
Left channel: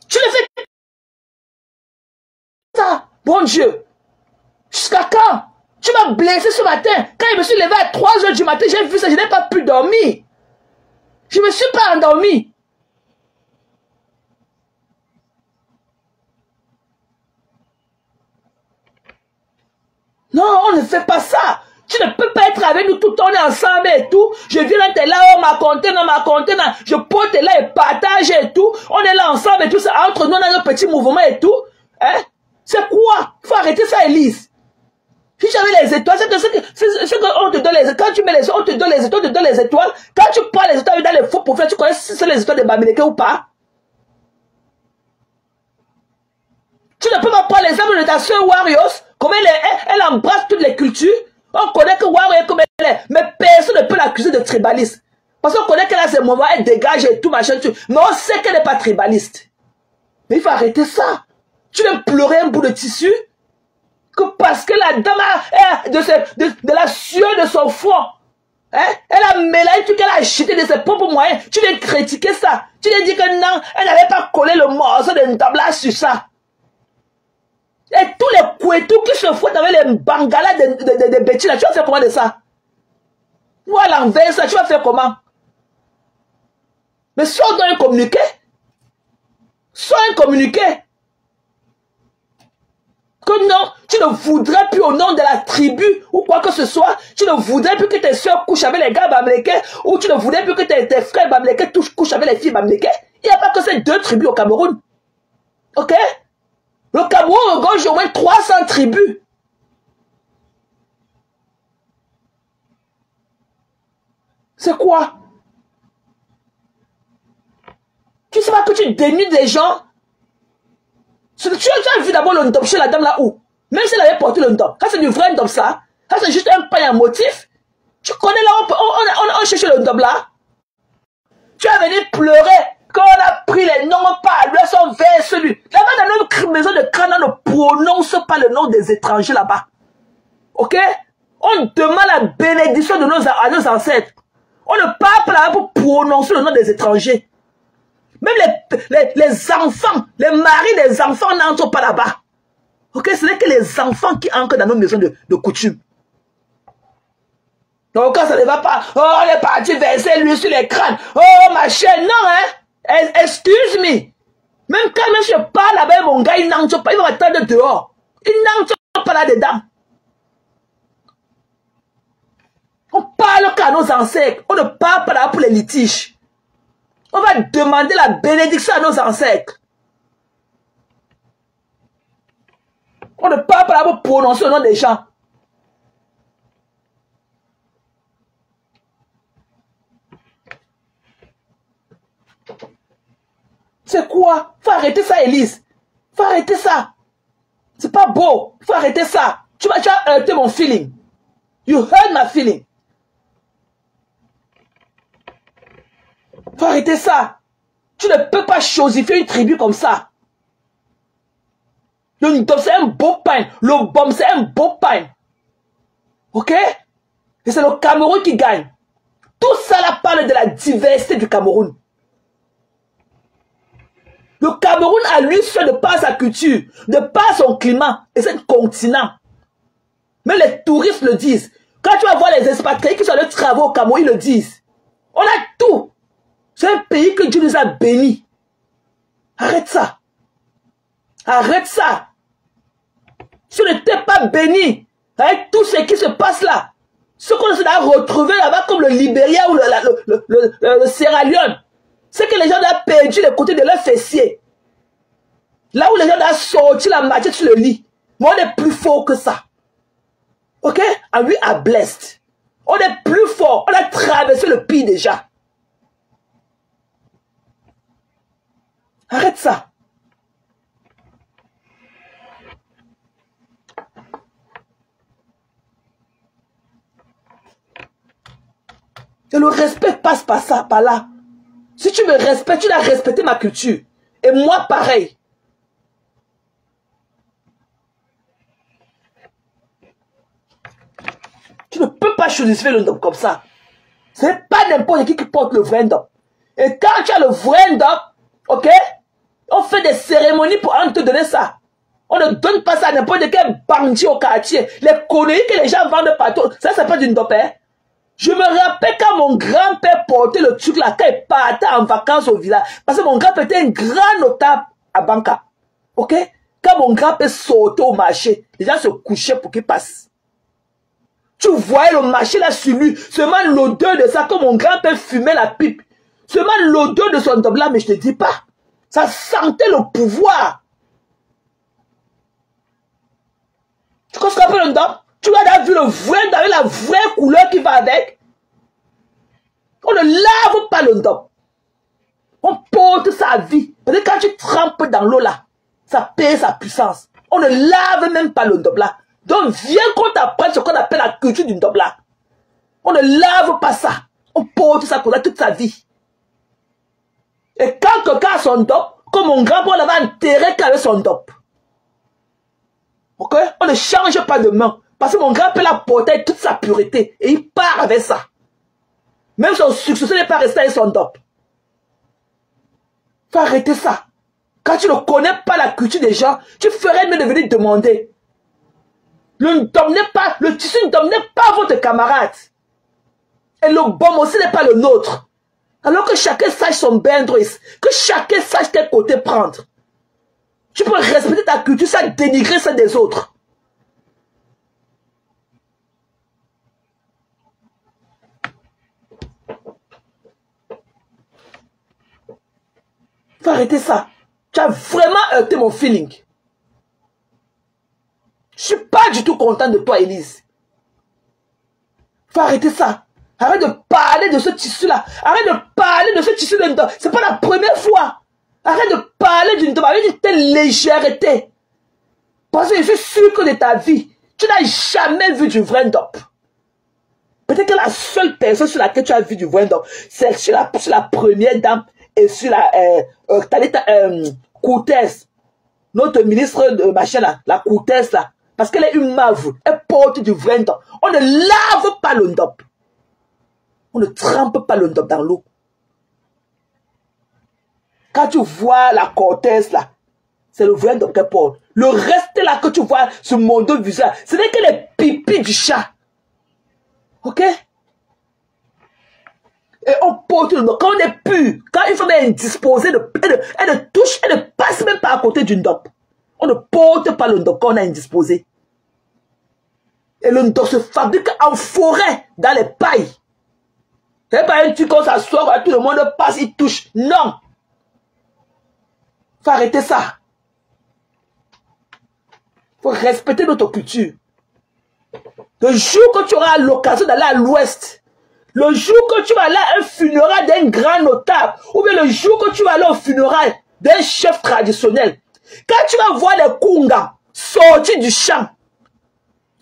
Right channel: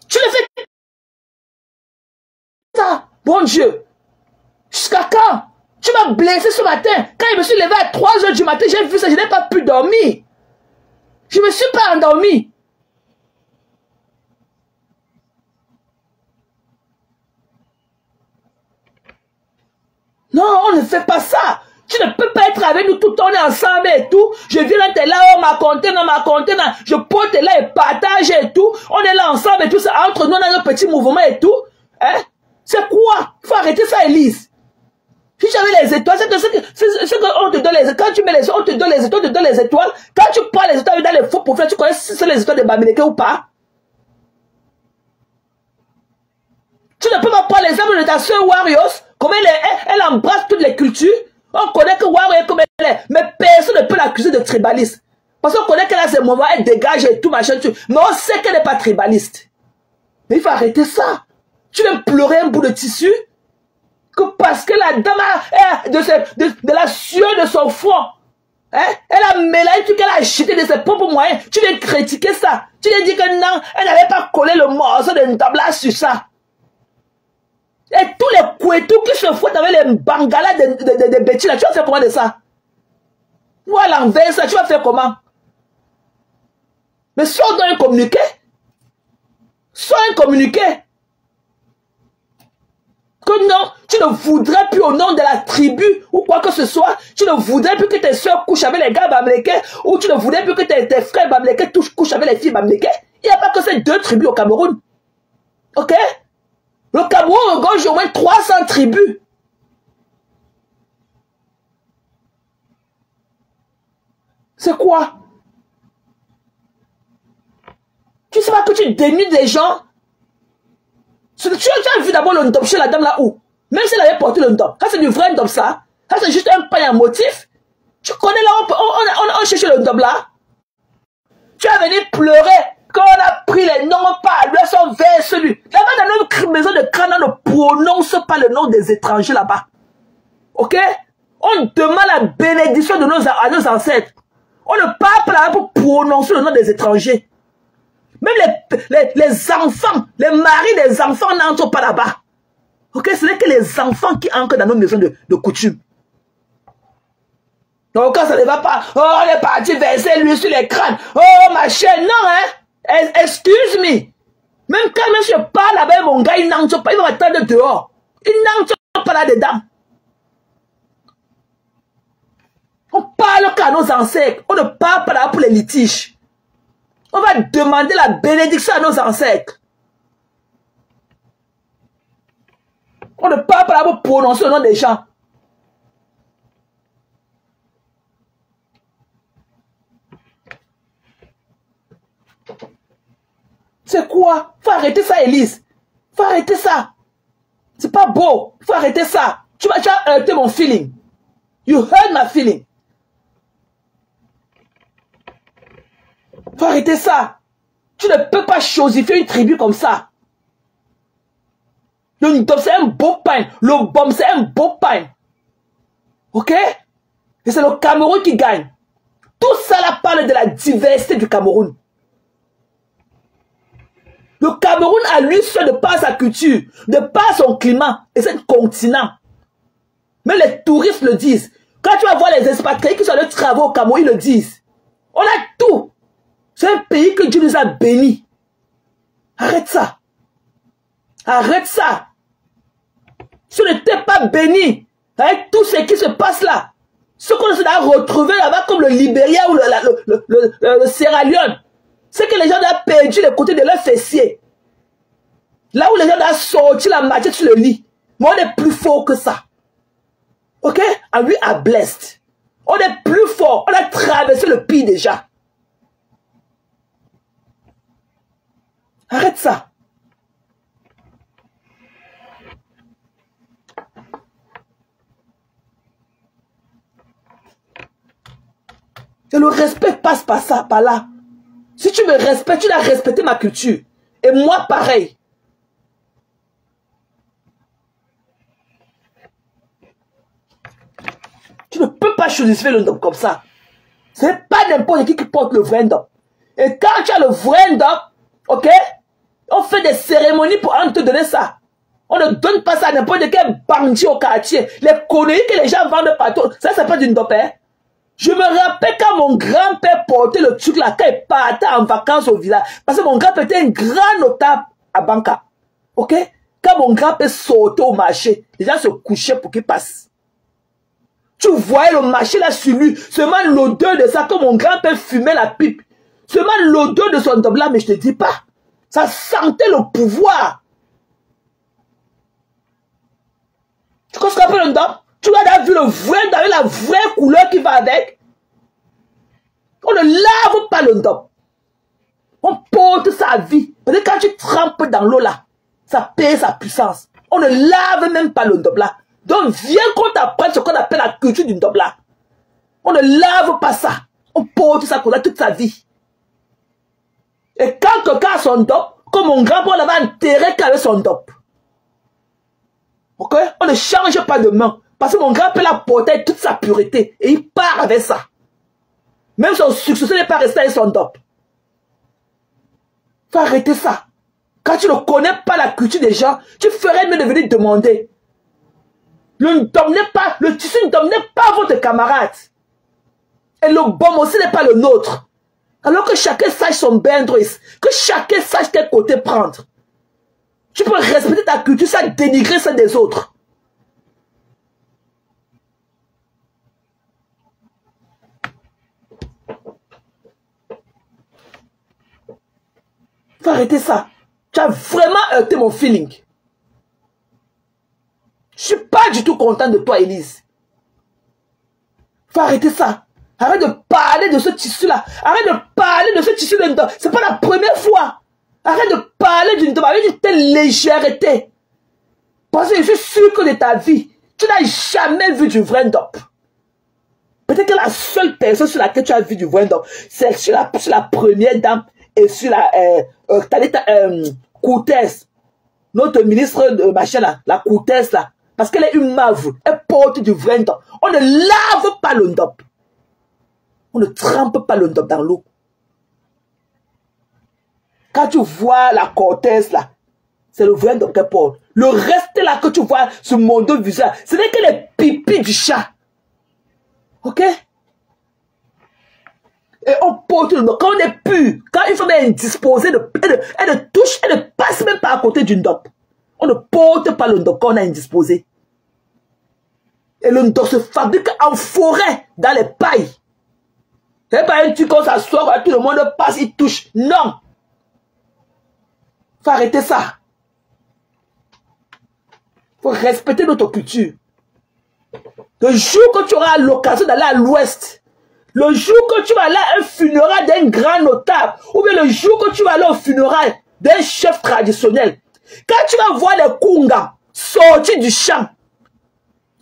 Tu le fais ça. Bon Dieu. Jusqu'à quand? Tu m'as blessé ce matin. Quand je me suis levé à 3 h du matin, j'ai vu ça, je n'ai pas pu dormir. Je ne me suis pas endormi. Non, on ne fait pas ça. Tu ne peux pas être avec nous tout le temps, on est ensemble et tout. Je viens être là, on m'a compté, je pointe là et partage et tout. On est là ensemble et tout, c'est entre nous, on a nos petits mouvements et tout. Hein? C'est quoi? Faut arrêter ça, Elise. Si j'avais les étoiles, c'est ce qu'on te donne les étoiles. Quand tu mets les étoiles, on te donne les étoiles, on te donne les étoiles. Quand tu prends les étoiles dans les faux pour faire, tu connais si c'est les étoiles de Bamileke ou pas? Tu ne peux pas prendre l'exemple de ta soeur Warriors, comment elle embrasse toutes les cultures. On connaît que Warriors est comme elle est, mais personne ne peut l'accuser de tribaliste. Parce qu'on connaît qu'elle a ses moments, elle dégage et tout, machin, tout. Mais on sait qu'elle n'est pas tribaliste. Mais il faut arrêter ça. Tu veux pleurer un bout de tissu? Que parce que la dame de la sueur de son front, hein, elle a mélangé tout qu'elle a jeté de ses propres moyens. Tu veux critiquer ça. Tu veux dire que non, elle n'avait pas collé le morceau de tabla sur ça. Et tous les couetous qui se foutent avec les bangalas de bêtises, tu vas faire comment de ça? Ou à l'envers, ça, tu vas faire comment? Mais si on doit un communiqué, soit un communiqué, que non, tu ne voudrais plus au nom de la tribu ou quoi que ce soit, tu ne voudrais plus que tes soeurs couchent avec les gars bamlékais ou tu ne voudrais plus que tes frères bamlékais couchent avec les filles bamlékais. Il n'y a pas que ces deux tribus au Cameroun. Ok? Le Cameroun regorge au moins 300 tribus. C'est quoi? Tu sais pas que tu dénudes des gens? Tu as vu d'abord le ndop chez la dame là où? Même si elle avait porté le ndop. Ça c'est du vrai ndop ça. Ça c'est juste un pain à motif. Tu connais là, on cherche le ndop là. Tu es venu pleurer quand on a pris les noms par lui, son vers celui. Là-bas dans notre maison de crâne, on ne prononce pas le nom des étrangers là-bas. Ok? On demande la bénédiction de à nos ancêtres. On ne parle pas là pour prononcer le nom des étrangers. Même les enfants, les maris des enfants n'entrent pas là-bas. Ok, ce n'est que les enfants qui entrent dans nos maisons de coutume. Donc quand ça ne va pas, oh, on est parti verser l'huile sur les crânes. Oh, ma chaîne, non, hein. Excuse-moi. Même quand je parle avec mon gars, il n'entre pas, il va m'attendre dehors. Il n'entre pas là-dedans. On parle qu'à nos ancêtres. On ne parle pas là pour les litiges. On va demander la bénédiction à nos ancêtres. On ne parle pas là pour prononcer le nom des gens. C'est quoi? Faut arrêter ça, Elise. Faut arrêter ça. C'est pas beau. Faut arrêter ça. Tu as heurté mon feeling. You hurt my feeling. Faut arrêter ça. Tu ne peux pas chosifier une tribu comme ça. Le ndop, c'est un beau pain. Le bom, c'est un beau pain. Ok? Et c'est le Cameroun qui gagne. Tout ça là parle de la diversité du Cameroun. Le Cameroun a lui seul de par sa culture, de par son climat et son continent. Mais les touristes le disent. Quand tu vas voir les expatriés qui sont allés travailler au Cameroun, ils le disent. On a tout. C'est un pays que Dieu nous a bénis. Arrête ça. Arrête ça. Si on n'était pas béni avec tout ce qui se passe là, ce qu'on s'est retrouvé là-bas comme le Libéria ou le Sierra Leone, c'est que les gens ont perdu le côté de leur fessier. Là où les gens ont sorti la matière sur le lit. Mais on est plus fort que ça. Ok? And we are blessed. On est plus fort. On a traversé le pays déjà. Arrête ça. Et le respect passe par ça, par là. Si tu me respectes, tu dois respecter ma culture. Et moi, pareil. Tu ne peux pas choisir le ndop comme ça. C'est pas n'importe qui porte le vrai ndop. Et quand tu as le vrai ndop, ok, on fait des cérémonies pour te donner ça. On ne donne pas ça à n'importe quel bandit au quartier. Les conneries que les gens vendent partout, ça c'est pas du ndop, hein. Je me rappelle quand mon grand-père portait le truc là, quand il partait en vacances au village. Parce que mon grand-père était un grand notable à Banca. Ok? Quand mon grand-père sortait au marché, les gens se couchaient pour qu'il passe. Tu voyais le marché là sur lui. Seulement l'odeur de ça, que mon grand-père fumait la pipe. Seulement l'odeur de son top là, mais je te dis pas. Ça sentait le pouvoir. Tu connais ce qu'on appelle un top? Tu as vu le vrai avec la vraie couleur qui va avec. On ne lave pas le top. On porte sa vie. Parce que quand tu trempes dans l'eau là, ça perd sa puissance. On ne lave même pas le top là. Donc viens qu'on t'apprenne ce qu'on appelle la culture du top là. On ne lave pas ça. On porte ça pour toute sa vie. Et quand quelqu'un a son top, comme mon grand-père l'avait enterré avec son top. Ok? On ne change pas de main. Parce que mon grand-père l'a porté toute sa pureté. Et il part avec ça. Même son successeur n'est pas resté avec son top. Faut arrêter ça. Quand tu ne connais pas la culture des gens, tu ferais mieux de venir demander. Le tissu ne domine pas votre camarade. Et le bon aussi n'est pas le nôtre. Alors que chacun sache son boundaries, que chacun sache quel côté prendre. Tu peux respecter ta culture sans dénigrer celle des autres. Faut arrêter ça. Tu as vraiment heurté mon feeling. Je suis pas du tout content de toi, Élise. Faut arrêter ça. Arrête de parler de ce tissu-là. Arrête de parler de ce tissu-là. C'est pas la première fois. Arrête de parler d'une telle légèreté. Parce que je suis sûr que de ta vie, tu n'as jamais vu du vrai dope. Peut-être que la seule personne sur laquelle tu as vu du vrai dope, c'est sur la première dame et sur la Cortez. Notre ministre de machin là, la Cortez là. Parce qu'elle est une mauve. Elle porte du vrai dope. On ne lave pas le dope. On ne trempe pas le dope dans l'eau. Quand tu vois la Cortez là, c'est le vrai dope qu'elle porte. Le reste là que tu vois sur mon dos visage, ce n'est que les pipis du chat. Ok? Et on porte le dope. Quand on est pur, quand il faut indisposé, elle ne touche, elle ne passe même pas à côté d'une dope. On ne porte pas le dope quand on est indisposé. Et le dope se fabrique en forêt, dans les pailles. C'est pas un truc quand ça sort, tout le monde passe, il touche. Non. Faut arrêter ça. Faut respecter notre culture. Le jour que tu auras l'occasion d'aller à l'ouest, le jour que tu vas aller à un funérail d'un grand notable, ou bien le jour que tu vas aller au funérail d'un chef traditionnel, quand tu vas voir les Kunga sortir du champ,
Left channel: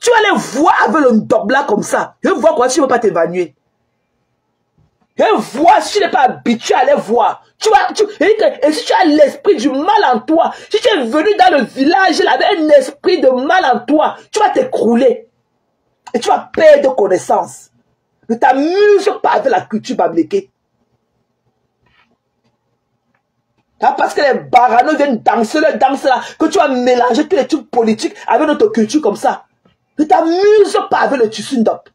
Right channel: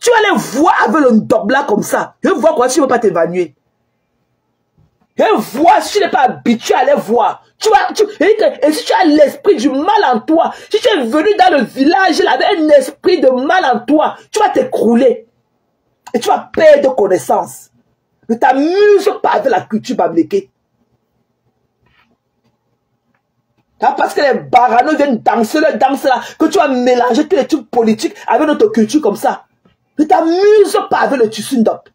tu vas les voir avec le dope là comme ça. Je vois quoi, tu ne veux pas t'évanouir. Et voir si tu n'es pas habitué à les voir. Et si tu as l'esprit du mal en toi, si tu es venu dans le village là avec un esprit de mal en toi, tu vas t'écrouler. Et tu vas perdre connaissance. Ne t'amuse pas avec la culture babléquée. Parce que les baranos viennent danser le danse là, que tu vas mélanger tous les trucs politiques avec notre culture comme ça. Ne t'amuse pas avec le tissu d'op.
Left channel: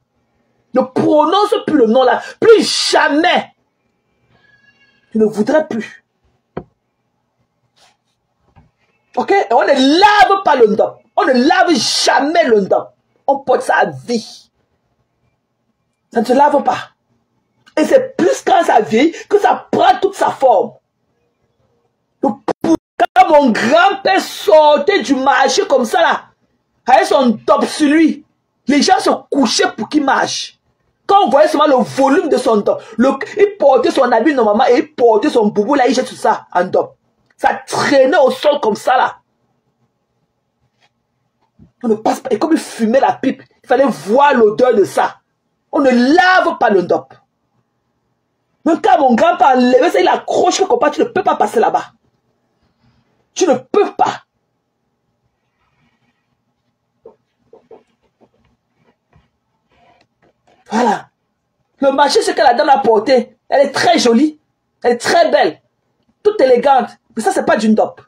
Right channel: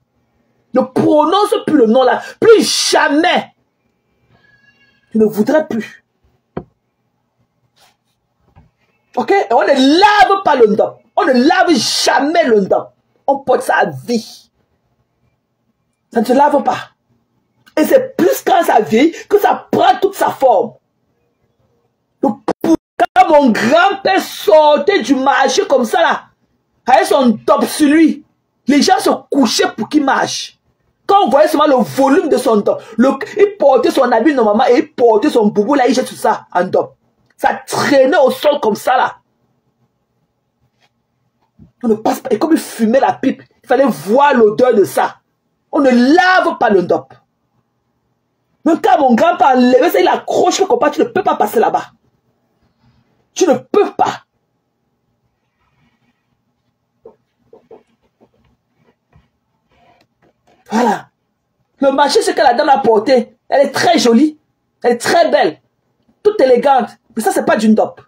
Ne prononce plus le nom là. Plus jamais. Je ne voudrais plus. Ok? Et on ne lave pas le ndop. On ne lave jamais le ndop. On porte ça à vie. Ça ne se lave pas. Et c'est plus quand ça vieillit que ça prend toute sa forme. Quand mon grand-père sortait du marché comme ça là, avec son top sur lui, les gens se couchaient pour qu'il marche. Quand on voyait seulement le volume de son top, il portait son habit normalement et il portait son boubou là, il jette tout ça en top. Ça traînait au sol comme ça là. On ne passe pas. Et comme il fumait la pipe, il fallait voir l'odeur de ça. On ne lave pas le top. Donc quand mon grand-père a levé ça, il accroche le compas, tu ne peux pas passer là-bas. Tu ne peux pas. Voilà. Le marché, c'est que la dame a porté. Elle est très jolie. Elle est très belle. Toute élégante. Mais ça, c'est pas du ndop.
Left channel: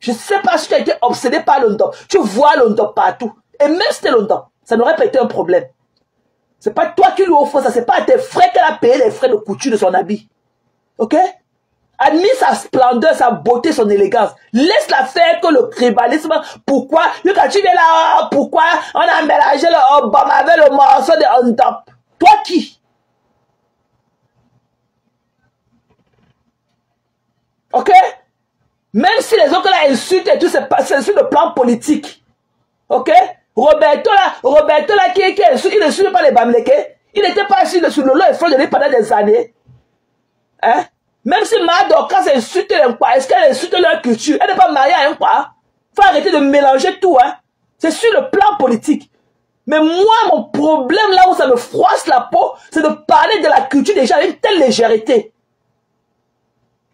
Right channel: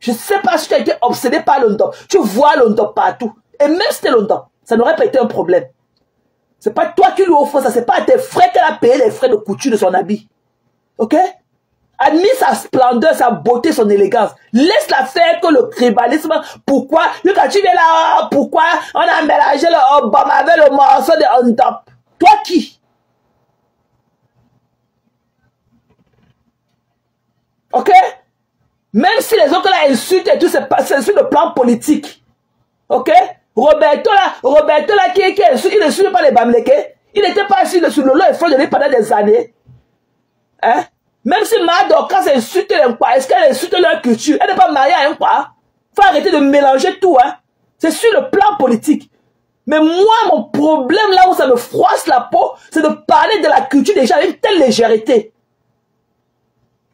Je ne sais pas si tu as été obsédé par le ndop. Tu vois le ndop partout. Et même si c'était le ndop, ça n'aurait pas été un problème. C'est pas toi qui lui offres ça. C'est pas à tes frères qu'elle a payé les frais de couture de son habit. Ok? Admire sa splendeur, sa beauté, son élégance. Laisse-la faire que le tribalisme. Pourquoi? Quand tu es là, pourquoi on a mélangé le Obama avec le morceau de On Top? Toi qui? Ok? Même si les autres là insultent et tout, c'est sur le plan politique. Ok? Roberto là qui ne suit pas les Bamileke, il n'était pas assis sur le lot et fait de lui pendant des années. Hein? Même si Madoka insulte les Nkwa, est-ce qu'elle insulte leur culture? Elle n'est pas mariée à un Nkwa. Il faut arrêter de mélanger tout. Hein? C'est sur le plan politique. Mais moi, mon problème là où ça me froisse la peau, c'est de parler de la culture des gens avec telle légèreté.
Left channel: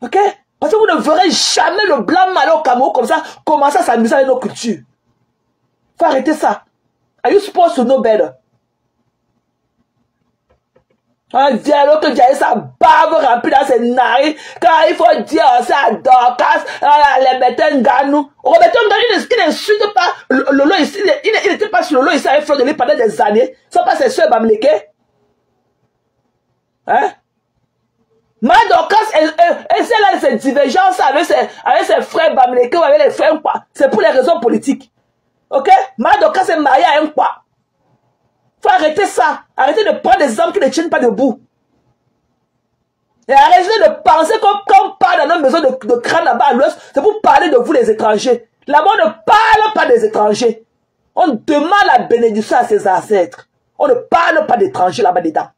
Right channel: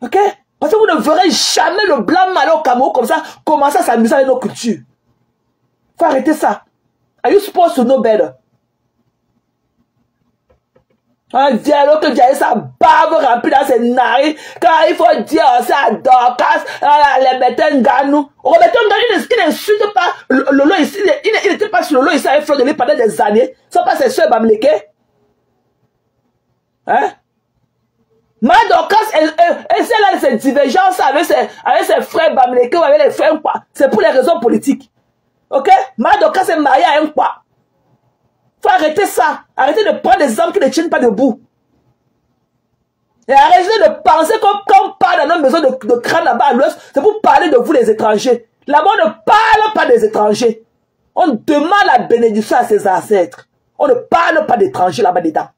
Ok? Parce que vous ne verrez jamais le blanc malin au Cameroun comme ça commencer à s'amuser avec nos cultures. Il faut arrêter ça. Are you supposed to know better? Un dialogue que Dieu sa barbe remplie dans ses narines. Quand il faut dire ça à Dorcas, les Bétens Ganou. Roberto Ganou, il n'insulte pas Lolo ici. Il n'était pas sur Lolo ici avec Fleur de lui pendant des années. Ça pas ses soeurs Bamileke. Hein? Madocas, elle a ses divergences avec ses frères Bamileke ou avec les frères quoi. C'est pour les raisons politiques. Ok? Madocas est marié à un quoi. Faut arrêter ça. Arrêtez de prendre des hommes qui ne tiennent pas debout. Et arrêtez de penser qu'on parle dans nos maisons de crâne là-bas à l'ouest, c'est pour parler de vous les étrangers. Là-bas, on ne parle pas des étrangers. On demande la bénédiction à ses ancêtres. On ne parle pas d'étrangers là-bas dedans.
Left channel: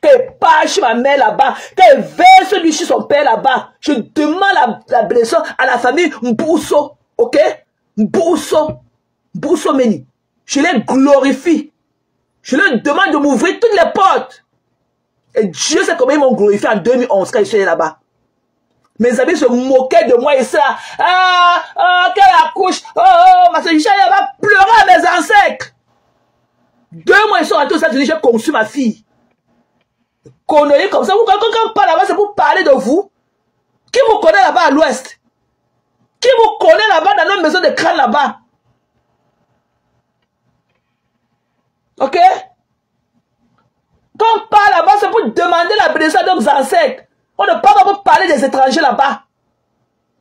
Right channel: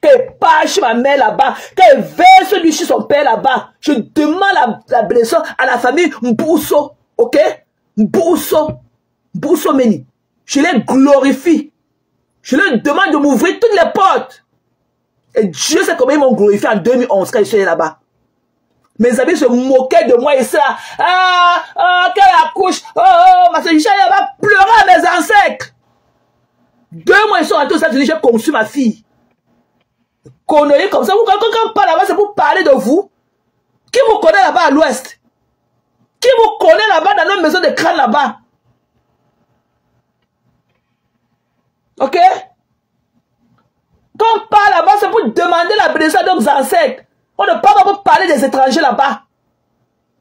Qu'elle parle chez ma mère là-bas, qu'elle verse lui chez son père là-bas. Je demande la bénédiction à la famille Mbousso. Ok? Mbousso Meni. Je les glorifie. Je leur demande de m'ouvrir toutes les portes. Et Dieu sait combien ils m'ont glorifié en 2011 quand ils sont allés là-bas. Mes amis se moquaient de moi ici là. Quelle accouche. Ma soeur, elle va pleurer à mes ancêtres. 2 mois ils sont rentrés aux États-Unis, j'ai conçu ma fille. Connerie comme ça. Quand on parle là-bas, c'est pour parler de vous. Qui vous connaît là-bas à l'ouest? Qui vous connaît là-bas dans nos maisons de crâne là-bas? Ok? Quand on parle là-bas, c'est pour demander la bénédiction de nos ancêtres. On ne parle pas pour parler des étrangers là-bas.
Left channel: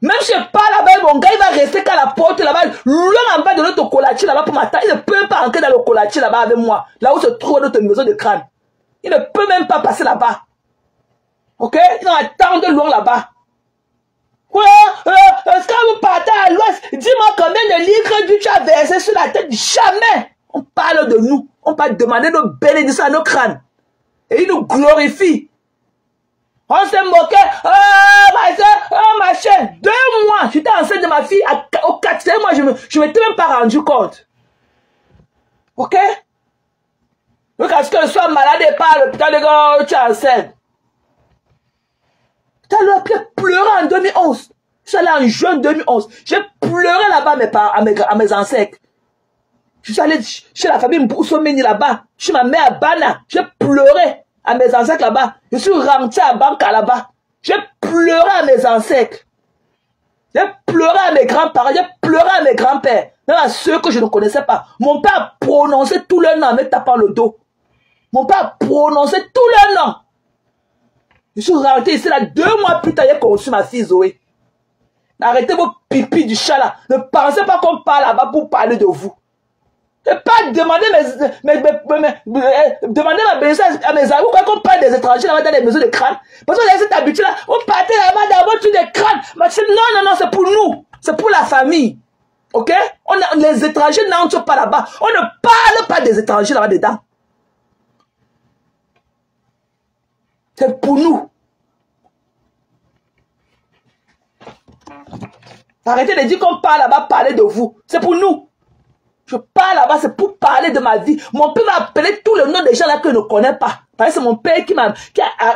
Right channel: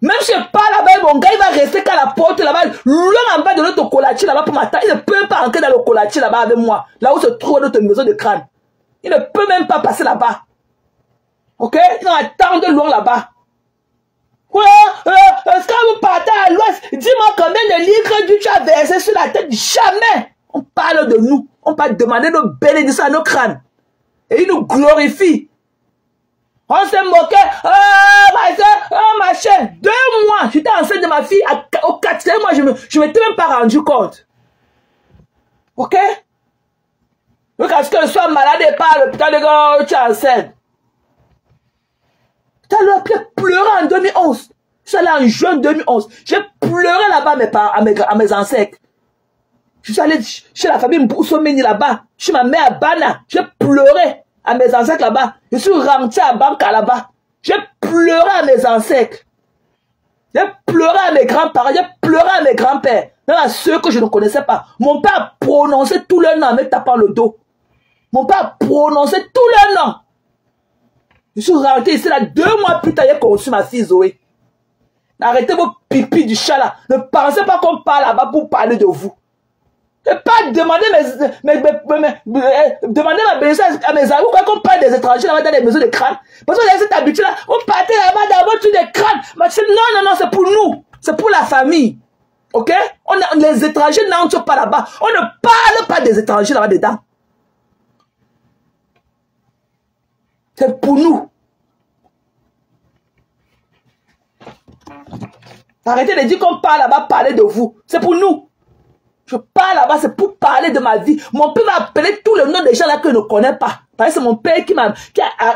Même si je parle là-bas, mon gars, il va rester qu'à la porte là-bas, loin en bas de notre colatier là-bas pour m'attendre. Il ne peut pas entrer dans le colatier là-bas avec moi, là où se trouve notre maison de crâne. Il ne peut même pas passer là-bas. Ok? Il va attendre loin là-bas. Est-ce que vous partez à l'ouest? Dis-moi combien de litres d'huile tu as versé sur la tête? Jamais! On parle de nous. On va demander nos bénédictions à nos crânes. Et ils nous glorifient. On s'est moqué. Ma chère, 2 mois. J'étais enceinte de ma fille. Au 4e mois, je ne m'étais même pas rendu compte. Ok? Donc, est-ce que je sois malade et pas à l'hôpital de tu es enceinte? Tu as pleuré en 2011. Je suis allé en juin 2011. J'ai pleuré là-bas à mes ancêtres. Je suis allé chez la famille Mboussomeni là-bas. Chez ma mère à Bana. J'ai pleuré à mes ancêtres là-bas. Je suis rentré à Banca là-bas. J'ai pleuré à mes ancêtres. J'ai pleuré à mes grands-parents. J'ai pleuré à mes grands-pères. Même à ceux que je ne connaissais pas. Mon père a prononcé tous leurs noms en me tapant le dos. Mon père a prononcé tous leurs noms. Je suis rentré ici là 2 mois plus tard. J'ai conçu ma fille Zoé. Arrêtez vos pipis du chat là. Ne pensez pas qu'on parle là-bas pour parler de vous. Et pas demander ma bénédiction à mes amis quand on parle des étrangers là-bas dans les maisons de crâne. Parce que cette habitude là, on partait là-bas d'abord tous les crânes. Mais non, c'est pour nous. C'est pour la famille. Ok? Les étrangers n'entrent pas là-bas. On ne parle pas des étrangers là-bas dedans. C'est pour nous. Arrêtez de dire qu'on parle là-bas, parler de vous. C'est pour nous. Je parle là-bas, c'est pour parler de ma vie. Mon père m'a appelé tous les noms des gens là que je ne connais pas. Parce que c'est mon père qui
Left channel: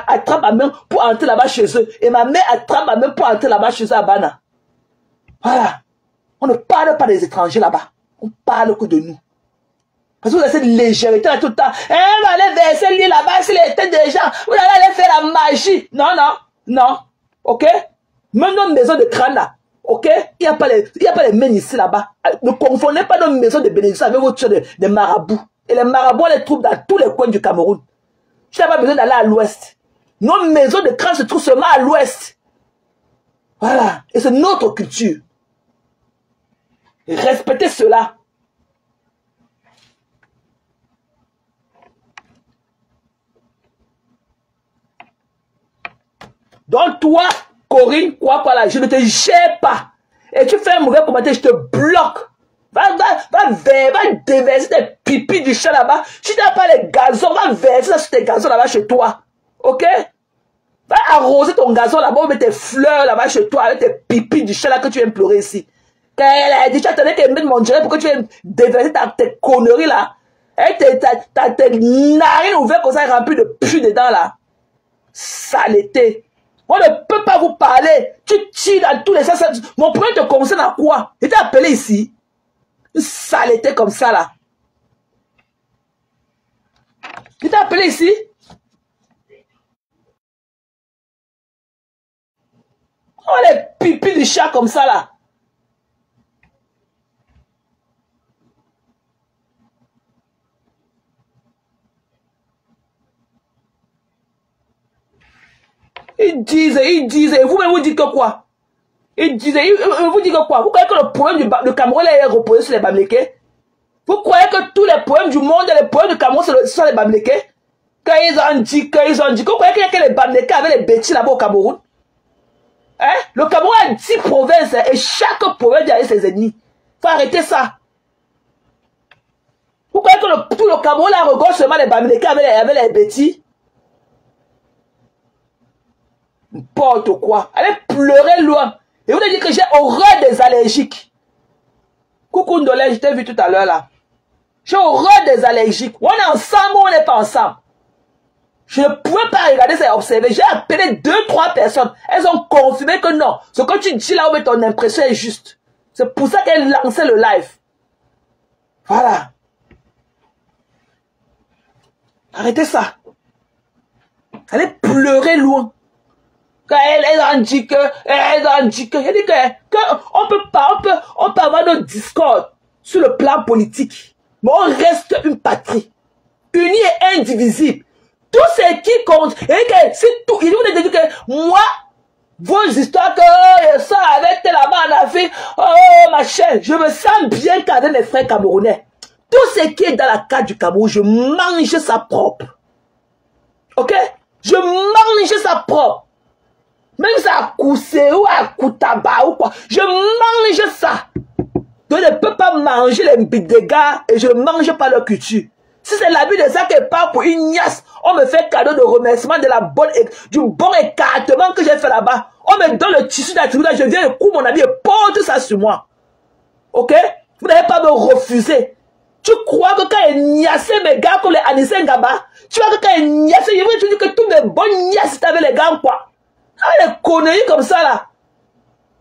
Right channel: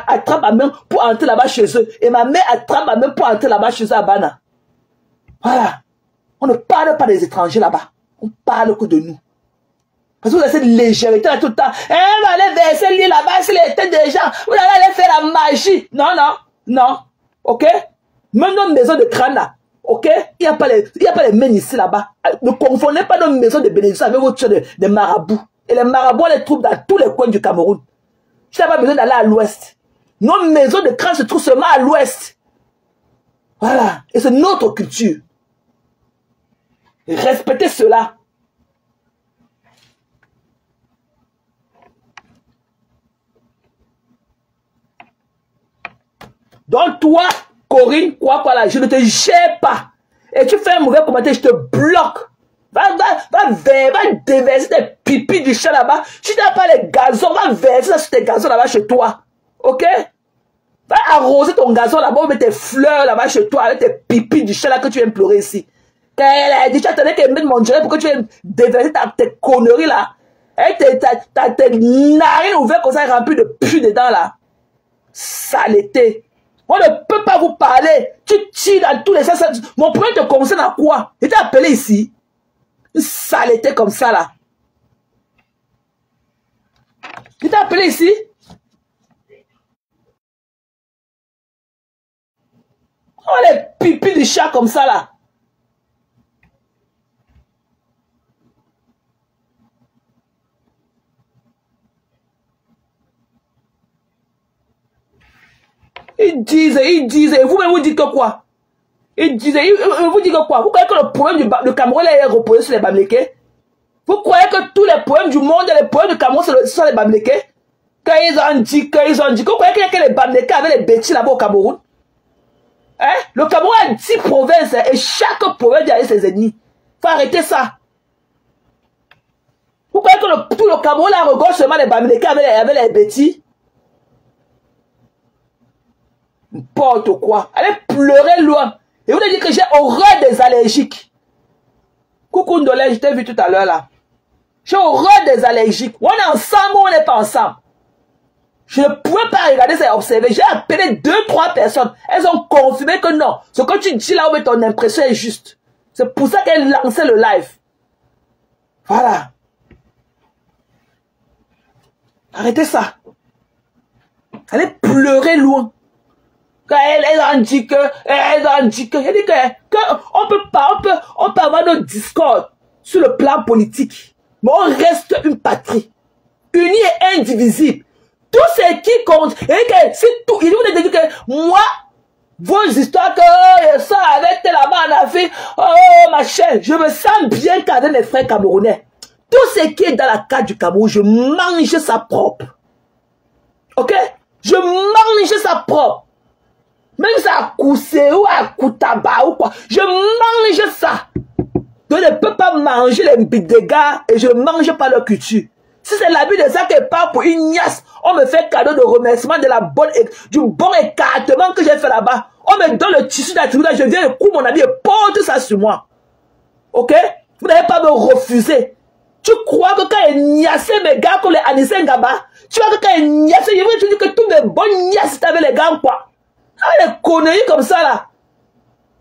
attrape ma main pour entrer là-bas chez eux. Et ma mère attrape ma main pour entrer là-bas chez eux à Bana. Voilà. On ne parle pas des étrangers là-bas. On parle que de nous. Parce que vous avez cette légèreté là tout le temps. Eh, on allait verser l'île là-bas, s'il était déjà. Vous allez faire la magie. Non. Ok? Même nos maisons de crâne là. Ok? Il n'y a pas les mains ici là-bas. Ne confondez pas nos maisons de bénédiction avec autre chose de marabouts. Et les marabouts, on les trouve dans tous les coins du Cameroun. Tu n'as pas besoin d'aller à l'ouest. Nos maisons de crâne se trouvent seulement à l'ouest. Voilà. Et c'est notre culture. Respectez cela. Donc toi, Corinne, quoi là, je ne te gère pas. Et tu fais un mauvais commentaire, je te bloque. Va déverser tes pipis du chat là-bas. Si tu n'as pas les gazons, va verser ça sur tes gazons là-bas chez toi. Ok? Va arroser ton gazon là-bas, ou mettre tes fleurs là-bas chez toi, avec tes pipis du chat là que tu viens pleurer ici. Quand elle a dit, tu attendais qu'elle mette mon direct pour que tu viennes déverser tes conneries là. Et t'as tes narines ouvertes comme ça, remplies de pus dedans là. Saleté. On ne peut pas vous parler. Tu tires dans tous les sens. Mon problème te concerne à quoi? Il t'a appelé ici. Une saleté comme ça là. Il t'a appelé ici. Oh les pipis du chat comme ça là. Ils disent, vous-même vous dites que quoi? Ils disent, vous dites que quoi? Vous croyez que le problème du Cameroun est reposé sur les Bamileke? Vous croyez que tous les problèmes du monde et les problèmes du Cameroun sont les Bamileke? Quand ils ont dit, vous croyez qu'il y a que les Bamileke avec les bêtises là-bas au Cameroun? Hein? Le Cameroun a 10 provinces et chaque province a ses ennemis. Faut arrêter ça. Vous croyez que tout le Cameroun là regorge seulement les Bamileke avec les bêtises? N'importe quoi. Allez pleurer loin. Et vous avez dit que j'ai horreur des allergiques. Coucou Ndolé, je t'ai vu tout à l'heure là. J'ai horreur des allergiques. On est ensemble ou on n'est pas ensemble. Je ne pouvais pas regarder ça et observer. J'ai appelé 2-3 personnes. Elles ont confirmé que non. Ce que tu dis là où ton impression est juste. C'est pour ça qu'elles lançaient le live. Voilà. Arrêtez ça. Allez pleurer loin. Quand elles ont dit que, j'ai dit que on peut avoir notre discorde sur le plan politique, mais on reste une patrie, unie et indivisible. Tout ce qui compte, et que c'est tout, ils nous disent que moi, vos histoires que ça avec là-bas en Afrique, oh machin, je me sens bien qu'avec mes frères camerounais. Tout ce qui est dans la carte du Cameroun, je mange ça propre. Ok? Je mange ça propre. Même ça à Koussé ou à Koutaba ou quoi. Je mange ça. Donc je ne peux pas manger les dégâts et je ne mange pas leur culture. Si c'est la vie de ça qui part pour une niasse, on me fait cadeau de remerciement de du bon écartement que j'ai fait là-bas. On me donne le tissu d'attribut, je viens, je coupe mon habit et porte ça sur moi. Ok? Vous n'allez pas me refuser. Tu crois que quand il niassait mes gars comme les Anissé Ngaba, tu vois que quand il niassait, je veux dire que tous mes bons niasses avec les gars quoi. Ah, les conneries comme ça là.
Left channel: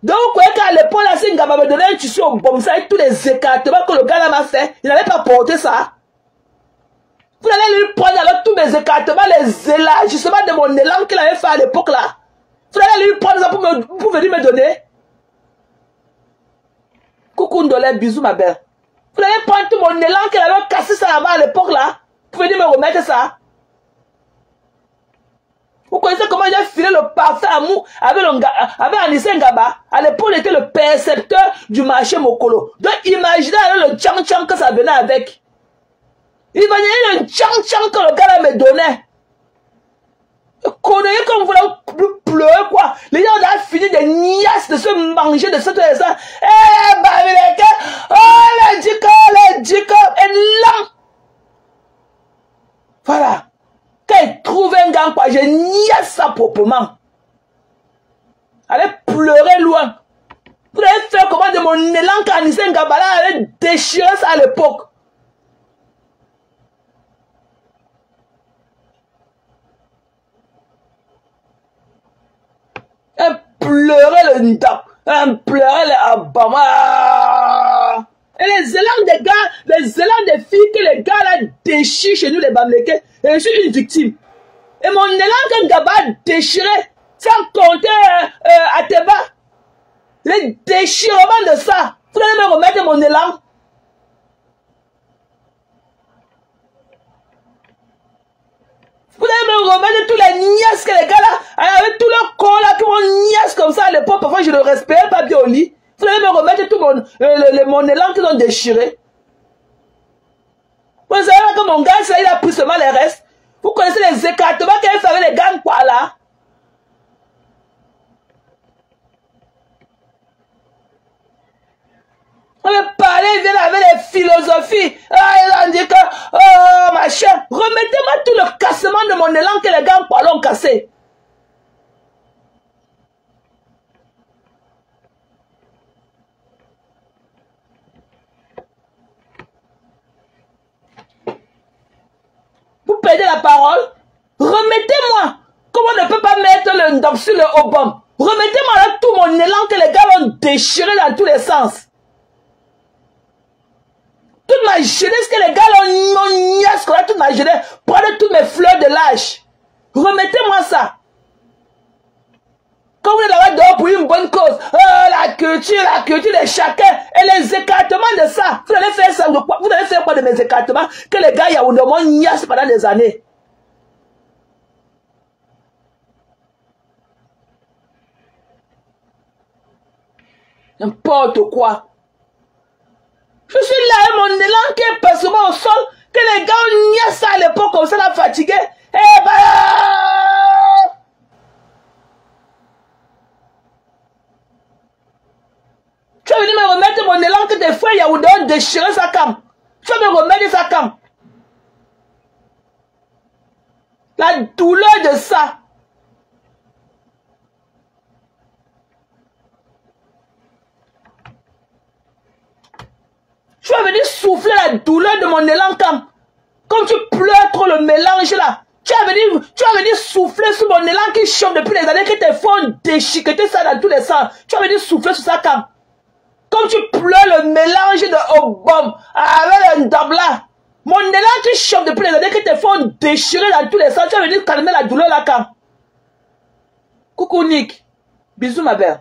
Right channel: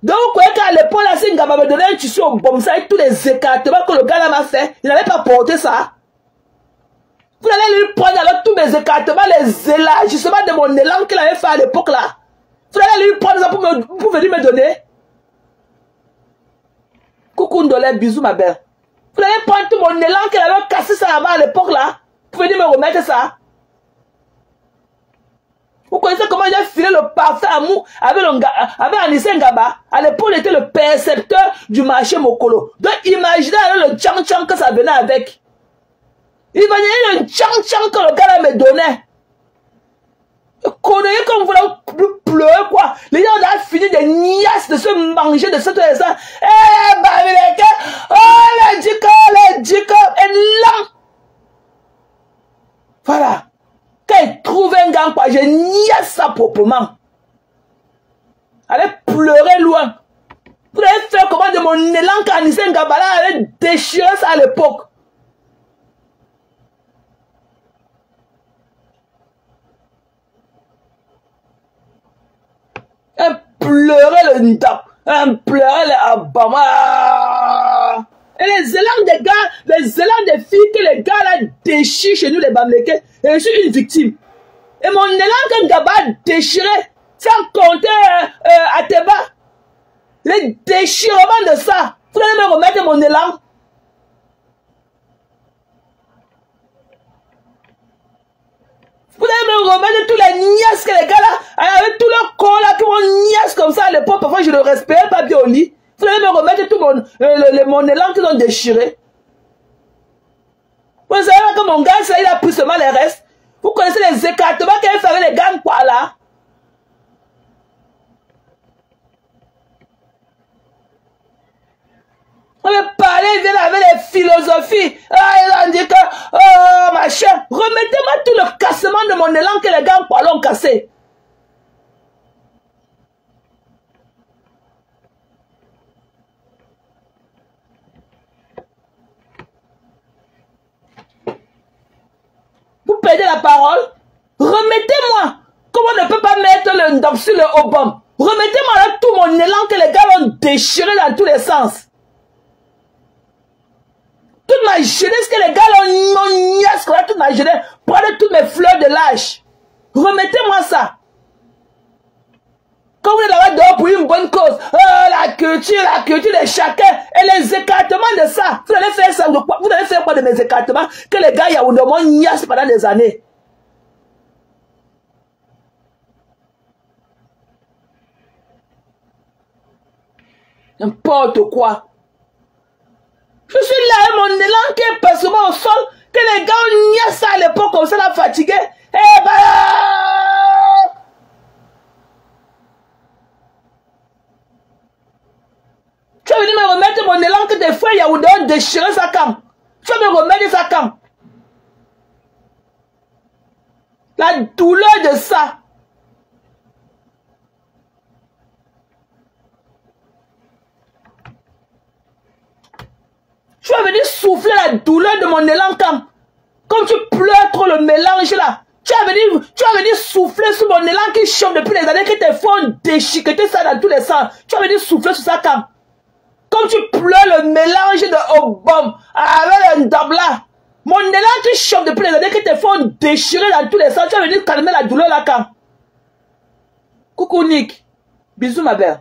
Donc, vous voyez qu'à l'époque, là, si Ngaba me donnait un tissu au bon, ça tous les écartements que le gars là m'a fait, il n'allait pas porter ça. Vous allez lui prendre avec tous mes écartements, les élargissements de mon élan qu'il avait fait à l'époque là. Vous allez lui prendre ça pour venir me donner. Coucou Ndolé, bisous ma belle. Vous allez prendre tout mon élan qu'il avait cassé ça là-bas à l'époque là, pour venir me remettre ça. Vous connaissez comment j'ai filé le parfait amour avec Anissé Ngaba. À l'époque, il était le percepteur du marché Mokolo. Donc, imaginez alors le tchang-tchang que ça venait avec. Imaginez le tchang-tchang que le gars là me donnait. Connaissez comme vous voulez pleurer quoi. Les gens ont fini de niasse, de se manger, de se faire ça. Eh, Bamileke, oh, les djiko, et là. Voilà. Quand il trouve un gars, quoi, je niaise ça proprement. Allez pleurer loin. Vous allez faire comment de mon élan qu'Anissé Ngaba allait déchirer ça à l'époque. Et pleurer le Nida. Et pleurer le Abama. Et les élans des gars, les élans des filles que les gars là déchirent chez nous, les Bamileke, je suis une victime. Et mon élan que Ngaba a déchiré, sans compter Ateba, le déchirement de ça, vous allez me remettre mon élan. Vous allez me remettre tous les niaises que les gars comme ça à l'époque, parfois je ne respirais pas bien au lit. Vous allez me remettre tout mon élan qu'ils ont déchiré. Vous savez que mon gars, il a pris seulement les restes. Vous connaissez les écartements qu'il fait avec les gars, quoi, là? On va parler, il vient avec les philosophies. Ah, il a dit que, oh, machin, remettez-moi tout le cassement de mon élan que les gars ont cassé. Vous perdez la parole. Remettez-moi. Comment on ne peut pas mettre le ndam sur le obam? Remettez-moi là tout mon élan que les gars ont déchiré dans tous les sens. Toute ma jeunesse que les gars ont niasse, toute ma jeunesse, prenez toutes mes fleurs de l'âge. Remettez-moi ça. Quand vous êtes là dehors pour une bonne cause, la culture de chacun, et les écartements de ça, vous allez faire ça, vous allez faire quoi de mes écartements que les gars ont niasse pendant des années. N'importe quoi. Je suis là et mon élan qui est personnellement au sol, que les gars ont niasse à l'époque comme ça, la fatigué. Eh ben, tu vas venir me remettre mon élan que tes frères Yaoundé ont déchiré sa cam. Tu vas me remettre sa cam. La douleur de ça. Tu vas venir souffler la douleur de mon élan cam. Comme tu pleures trop le mélange là. Tu vas venir souffler sur mon élan qui chauffe depuis les années que tes frères ont déchiqueté ça dans tous les sens. Tu vas venir souffler sur sa cam. Comme tu pleures le mélange de Obama avec un dabla. Mon élan qui chauffe depuis les années que tes frères ont déchiré dans tous les sens. Tu vas venir calmer la douleur là cam. Coucou Nick. Bisous ma belle.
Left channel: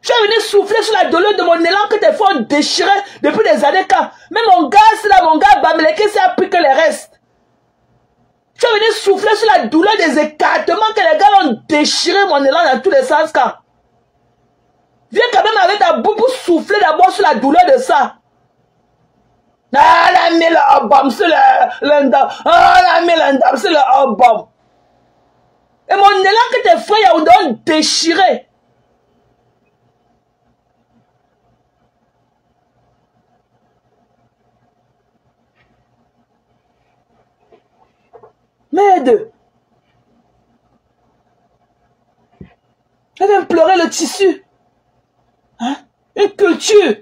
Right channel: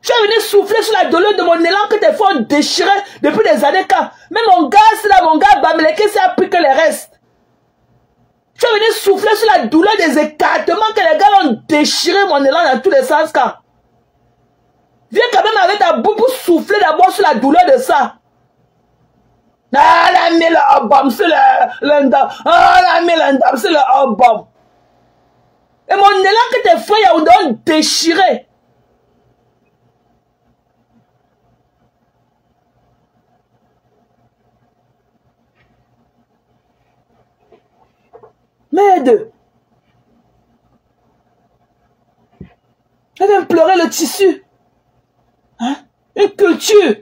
Tu vas venir souffler sur la douleur de mon élan que tes frères ont déchiré depuis des années quand. Mais mon gars, c'est là, mon gars, Bamileke, c'est appris que les restes. Tu vas venir souffler sur la douleur des écartements que les gars ont déchiré mon élan dans tous les sens quand. Viens quand même avec ta bouche pour souffler d'abord sur la douleur de ça. Ah, la mis le obam sur l'endam. Ah, la mis l'endam sur le obam. Et mon élan que tes frères ont déchiré. Merde. Elle vient pleurer le tissu. Hein? Une culture.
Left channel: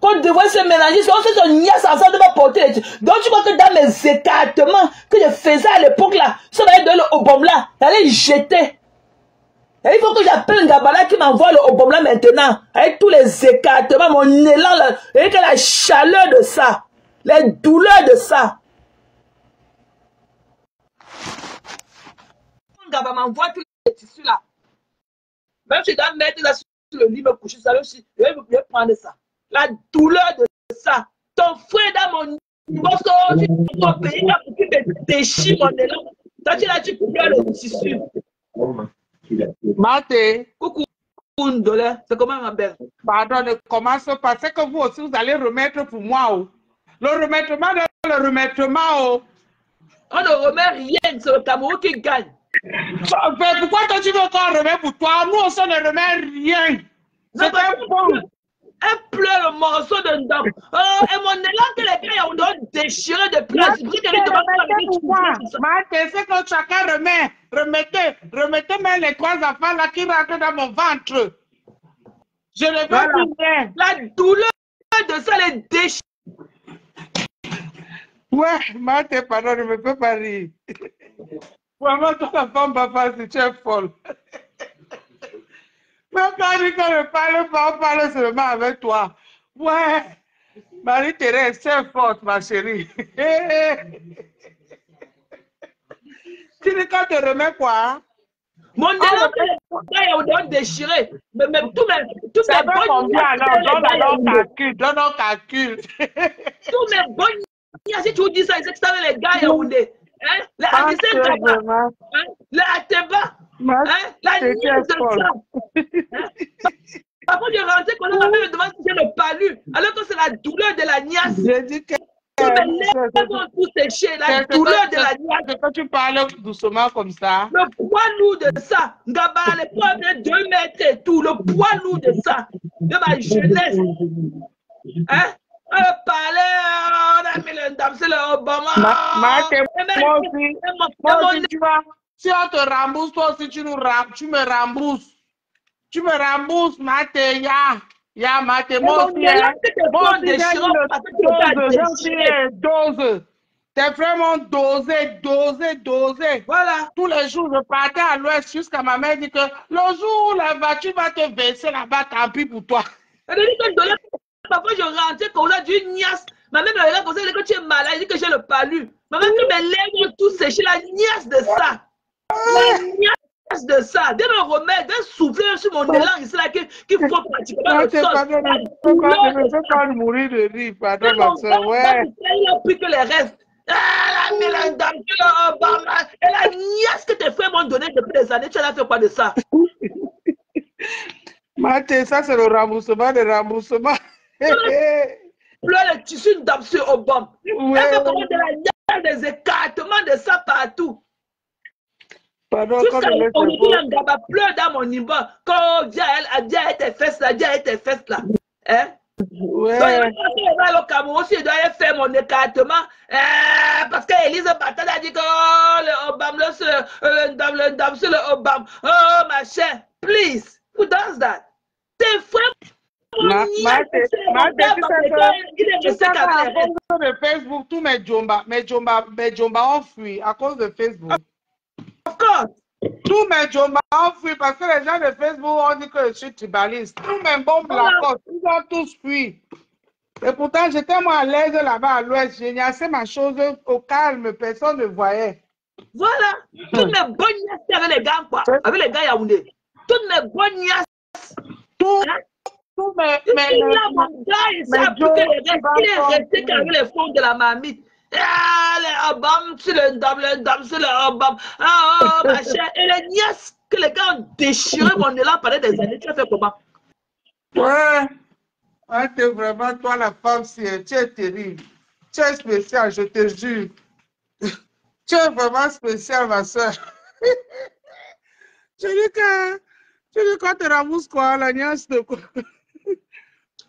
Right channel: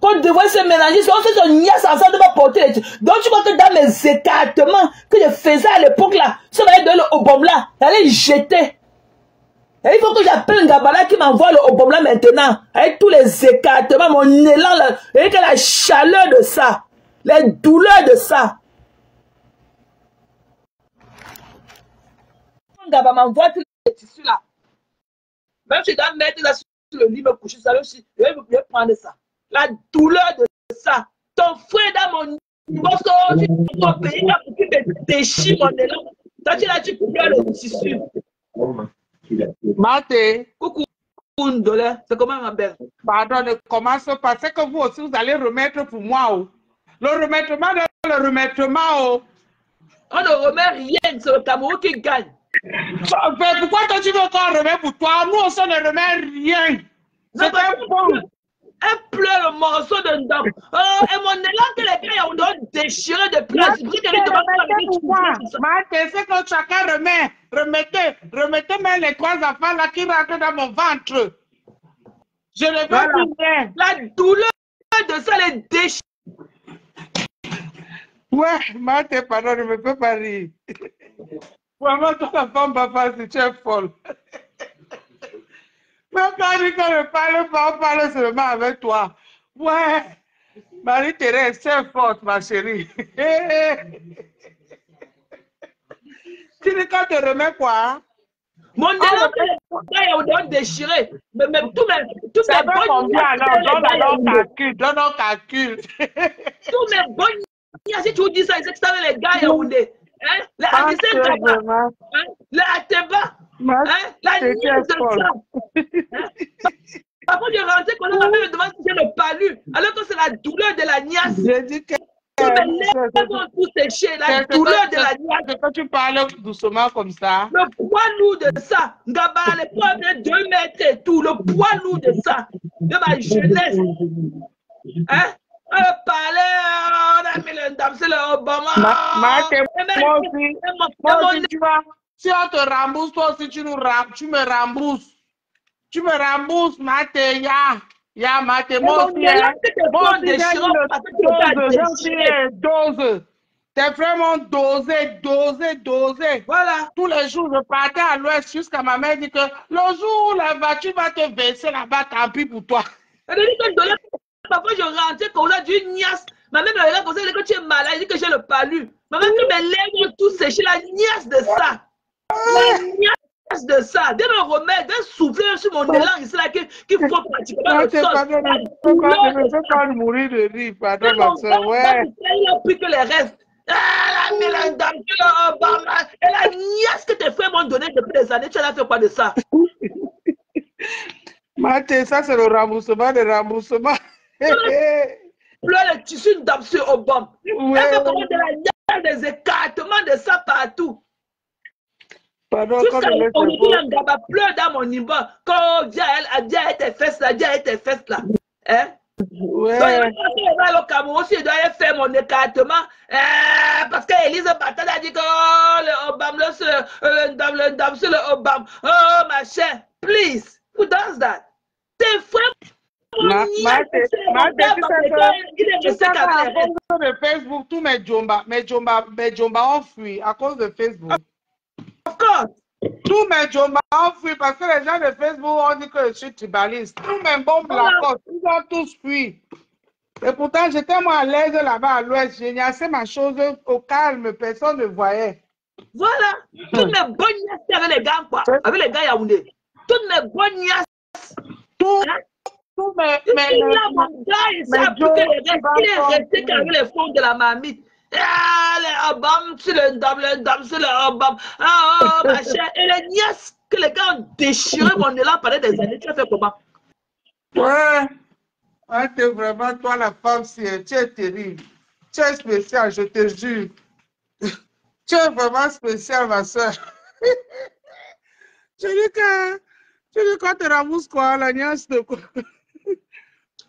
Qu'on devrait se mélanger. On fait son niasse ensemble de ma portée. Donc tu crois que dans mes écartements que je faisais à l'époque là, ça va être dans le obam là, j'allais jeter. Et il faut que j'appelle Ngabala qui m'envoie le obam là maintenant. Avec tous les écartements, mon élan là, avec la chaleur de ça, les douleurs de ça. Ngaba m'envoie tous les tissus là. Même si je dois mettre là sur le lit, me coucher, ça aussi, je vais prendre ça. La douleur de ça. Ton frère dans mon morceau, tu es dans ton pays là pour qu'il te déchire mon élan. Toi, tu pleures le tissu. Marthe. Coucou, c'est comment ma belle? Pardon, ne commence pas. C'est que vous aussi, vous allez remettre pour moi. Oh. Le remettement de le remettement. Oh. On ne remet rien, c'est le Cameroun qui gagne. Pourquoi toi tu veux qu'on remet pour toi? Nous aussi on ne remet rien. C'est un bon. Elle pleure le morceau de ndam. Et mon élan que les gars ont déchiré de place. Marthe, c'est que chacun remet. Remettez même les trois enfants là qui rentrent dans mon ventre. Je ne veux plus rien. La douleur de ça, les déchirés. Ouais, Marthe, pardon, je ne me peux pas rire. Vraiment, toute la femme, papa, si tu es folle. Mais quand on dit qu'on ne parle pas, on parle seulement avec toi. Ouais, Marie-Thérèse, c'est forte, ma chérie. Tu dis qu'on te remet quoi? Mon élan, les gars ont déchiré. Mais tous mes bonnes. Donne un calcul. Tous mes bonnes. Si tu dis ça, c'est que ça les gars Yaoundé. Hein? Les Ateba. Hein? La nièce de ça. Hein? Après, je rentrais, quand ma mère me demande si j'ai le palu, alors que c'est la douleur de la nièce. J'ai dit que mes lèvres vont tout sécher, la douleur de la nièce. Quand tu parles doucement comme ça. Le poids lourd de ça. Ngaba, le poids de 2 mètres et tout, le poids lourd de ça. De ma jeunesse. Hein? On parlait, on a mis le dame, c'est le Obama. Moi aussi, tu vois, si on te rembourse, toi aussi, tu me rembourses. Tu me rembourses, Mate, ya, Mate, moi aussi, dose. T'es vraiment dosé. Voilà. Tous les jours, je partais à l'ouest jusqu'à ma mère dit que le jour où la voiture va te verser là-bas, tant pis pour toi. Parfois, je rentrais comme ça d'une niasse. Ma mère me regarde comme ça, elle dit que tu es malade, elle dit que j'ai le palu. Ma mère que mes lèvres tout séché, la niasse de ça. La niasse de ça. Dès le remède, dès souffler sur mon élan ici, là, qu'il faut pratiquement le sol. Je peux pas mourir de rire, pardon, ma soeur, ouais. Il a pris que les restes. Elle a mis la dame, et la niasse que tes frères m'ont donné depuis des années, tu as fait quoi de ça? Mate, ça c'est le remboursement des remboursements. Le tissu d'absurde au bomb. Ouais. Elle fait comment de la niasse, des écartements de ça partout. Pardon, jusqu'à on pleure dans mon niveau. Quand Dieu a tes fesses là, Dieu a tes fesses là. Hein? Ouais. Donc, au Cameroun aussi, je dois faire mon écartement. Parce qu'Élise Batal a dit que le Obama, le dame sur le Obama. Oh, ma chère, please, who does that? Tes frères. De Facebook, tous mes Jomba ont fui à cause de Facebook. Of course. Tous mes Jomba ont fui parce que les gens de Facebook ont dit que je suis tribaliste. Tous mes bombes Lacoste, ils ont tous fui. Et pourtant, j'étais moi à l'aise là-bas à l'ouest. J'ai assez ma chose au calme, personne ne voyait. Voilà. Toutes mes bonnes nièces avec les gars, quoi. Avec les gars Yaoundé. Toutes mes bonnes nièces. Tous mes il est resté avec les fonds de la mamie. Les Obama, c'est le dame, c'est le Obama. Oh, ma chère. Et les nièces que les gars ont déchiré mon élan pendant des années. Tu as fait comment? Ouais. Ah, t'es vraiment, toi, la femme, tu es terrible. Tu es spécial, je te jure. Tu es vraiment spécial, ma soeur. Tu dis quand tu rembourses quoi, la nièce de quoi?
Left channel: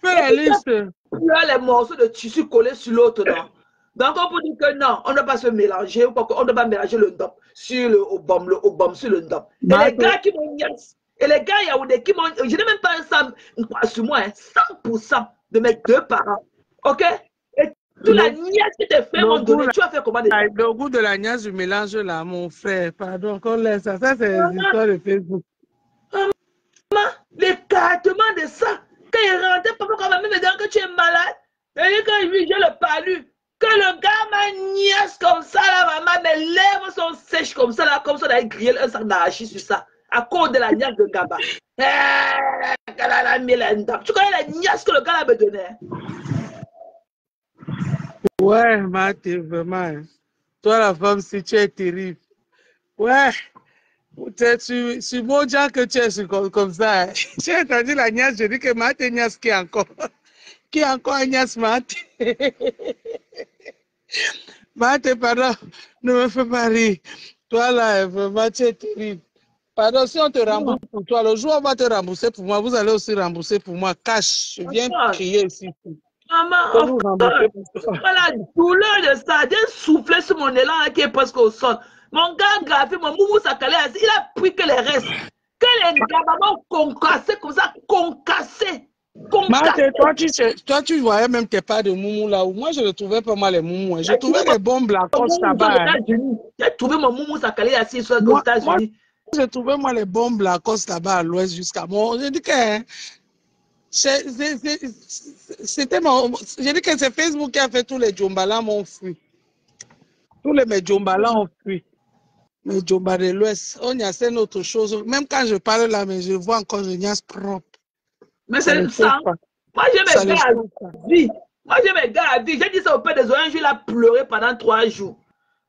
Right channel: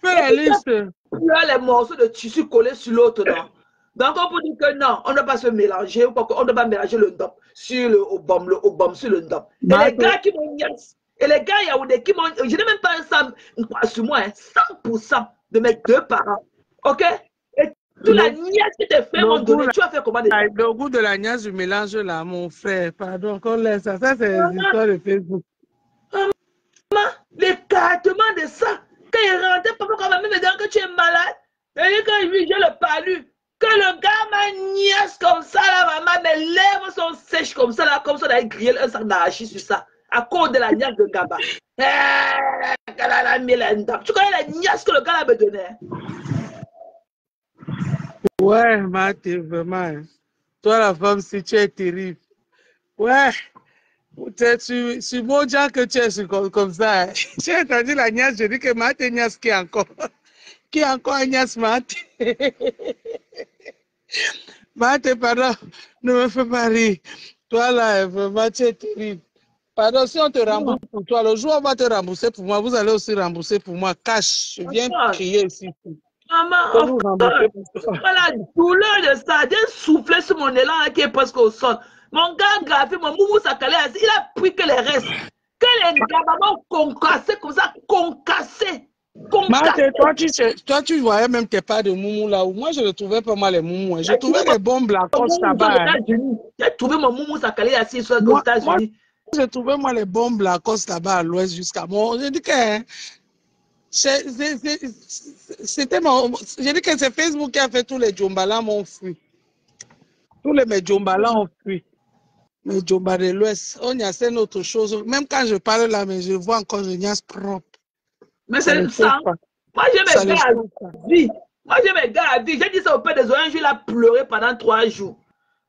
Fais la liste. Il y a les morceaux de tissu collés sur l'autre, non? Donc, on peut dire que non, on ne doit pas se mélanger, on ne doit pas mélanger le ndop sur le obam sur le ndop. Et les gars qui m'ont niaise, et les gars Yaoundé qui m'ont, je n'ai même pas un sur moi, 100% de mes deux parents. Ok? Et toute la niaise que tes frères m'ont donné, tu as fait comment? Le goût de la niaise du mélange là, mon frère, pardon, qu'on laisse ça. Ça, c'est les histoires de Facebook. L'écartement de ça. Quand il rentrait, papa, quand ma mère me dit que tu es malade, et quand j'ai le palu, que le gars m'a niaise comme ça, là, maman, mes lèvres sont sèches comme ça, là, comme ça, on a grillé un sac d'arachide sur ça, à cause de la niaise de Gaba. Tu connais la niaise que le gars là me donnait? Ouais, Mate, vraiment. Toi, la femme, si tu es terrible. Ouais. C'est bon déjà que tu es comme ça. J'ai entendu la niaise, je dis que Mate niaise qui est encore. Qui est encore niaise, Mate? Mate, pardon, ne me fais pas rire. Toi là, vraiment, tu es terrible. Pardon, si on te rembourse pour toi, le jour où on va te rembourser pour moi, vous allez aussi rembourser pour moi. Cash, je viens crier ici. Maman, voilà, la douleur de ça, j'ai soufflé sur mon élan qui est presque au sol. Mon gars gravé, mon moumou sakalé, il a pris que les restes. Que les gabamans concassés comme ça, concassés. Toi, tu voyais même tes pas de moumou là où moi je ne trouvais pas mal les moumous. Je trouvais les bombes Lacoste là-bas. J'ai trouvé mon moumou sakalé assis aux États-Unis. Je trouvais moi les bombes Lacoste là-bas à l'ouest jusqu'à moi. Je dis que c'était mon. Je dis que c'est Facebook qui a fait tous les Djombala m'ont fui. Tous les Djombala ont fui. Mais Djomba de l'Ouest, on y a c'est autre chose. Même quand je parle là, mais je vois encore le niaise propre. Mais c'est ça. Moi, j'ai mes gars à vie. Moi, j'ai mes gars à vie. J'ai dit ça au père des oranges, il a pleuré pendant 3 jours.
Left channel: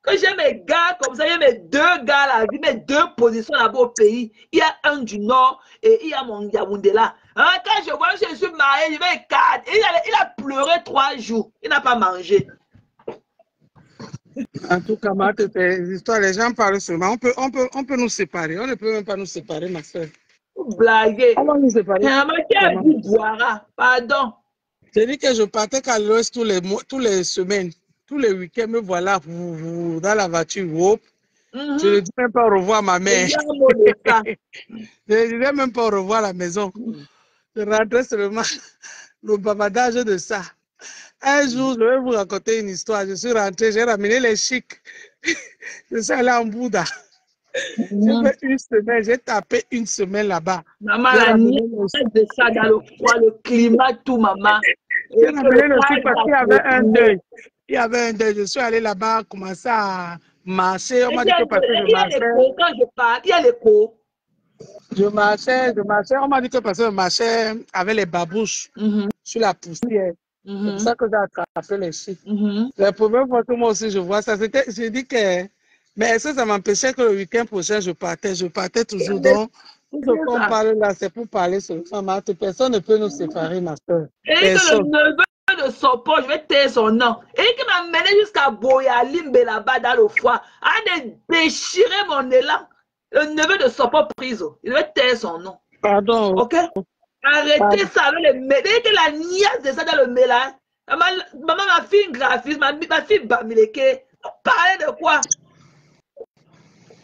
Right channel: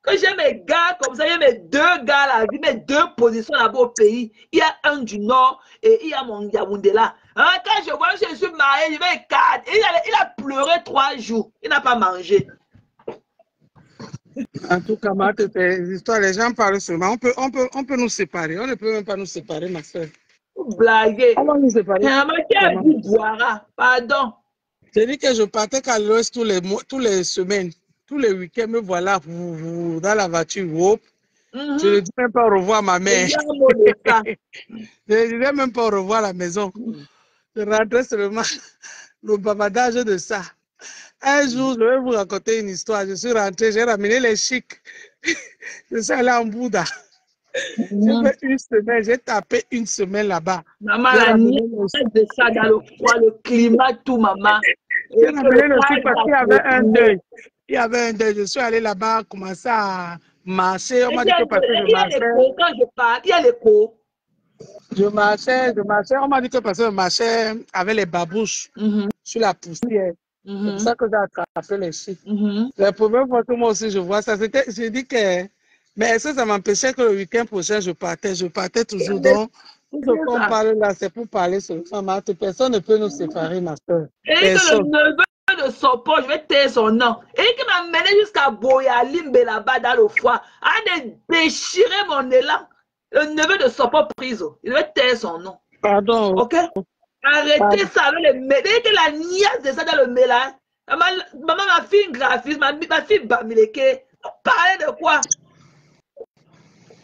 Que j'ai mes gars comme ça, il y a mes deux gars là, mes deux positions là-bas au pays. Il y a un du Nord et il y a mon Yaoundé là. Hein, quand je vois que je suis marié, je vais cadre. Il a pleuré 3 jours. Il n'a pas mangé. En tout cas, tes histoires, les gens parlent seulement. On peut nous séparer. On ne peut même pas nous séparer, ma soeur. Vous blaguez. On va nous séparer. Pardon. J'ai dit que je partais qu'à l'ouest toutes les semaines, tous les week-ends, me voilà dans la voiture. Je ne dis même pas au revoir à ma mère. Je ne disais même pas au revoir à la maison. Je rentrais seulement le bavardage de ça. Un jour, je vais vous raconter une histoire. Je suis rentrée, j'ai ramené les chics. Je suis allée en Bouddha. J'ai fait une semaine, j'ai tapé une semaine là-bas. Maman, la nuit, de ça dans le froid, le climat, tout, maman. J'ai ramené le chic parce qu'il y avait un deuil. Il y avait un deuil. Je suis allée là-bas, commencer à marcher. On m'a dit que parce que je marchais. Quand je parle, il y a l'écho. Je marchais. On m'a dit que parce que je marchais avec les babouches sur la poussière. C'est pour ça que j'ai attrapé les chics. La première fois que moi aussi je vois ça, j'ai dit que. Mais est-ce que ça m'empêchait que le week-end prochain je partais? Je partais toujours. Donc, tout ce qu'on parle là, c'est pour parler seulement. Personne ne peut nous séparer, ma soeur. Et que le neveu de Sopo, je vais taire son nom. Et qui m'a mené jusqu'à Boyalimbe là-bas dans le foie, a déchiré mon élan. Le neveu de Sopo Priso, il devait taire son nom. Pardon. Ok? Arrêtez ça avec le mélange. Et que la niaise de ça dans le mélange. Maman m'a fait une graphiste, ma fille Bamileke. Parlez de quoi?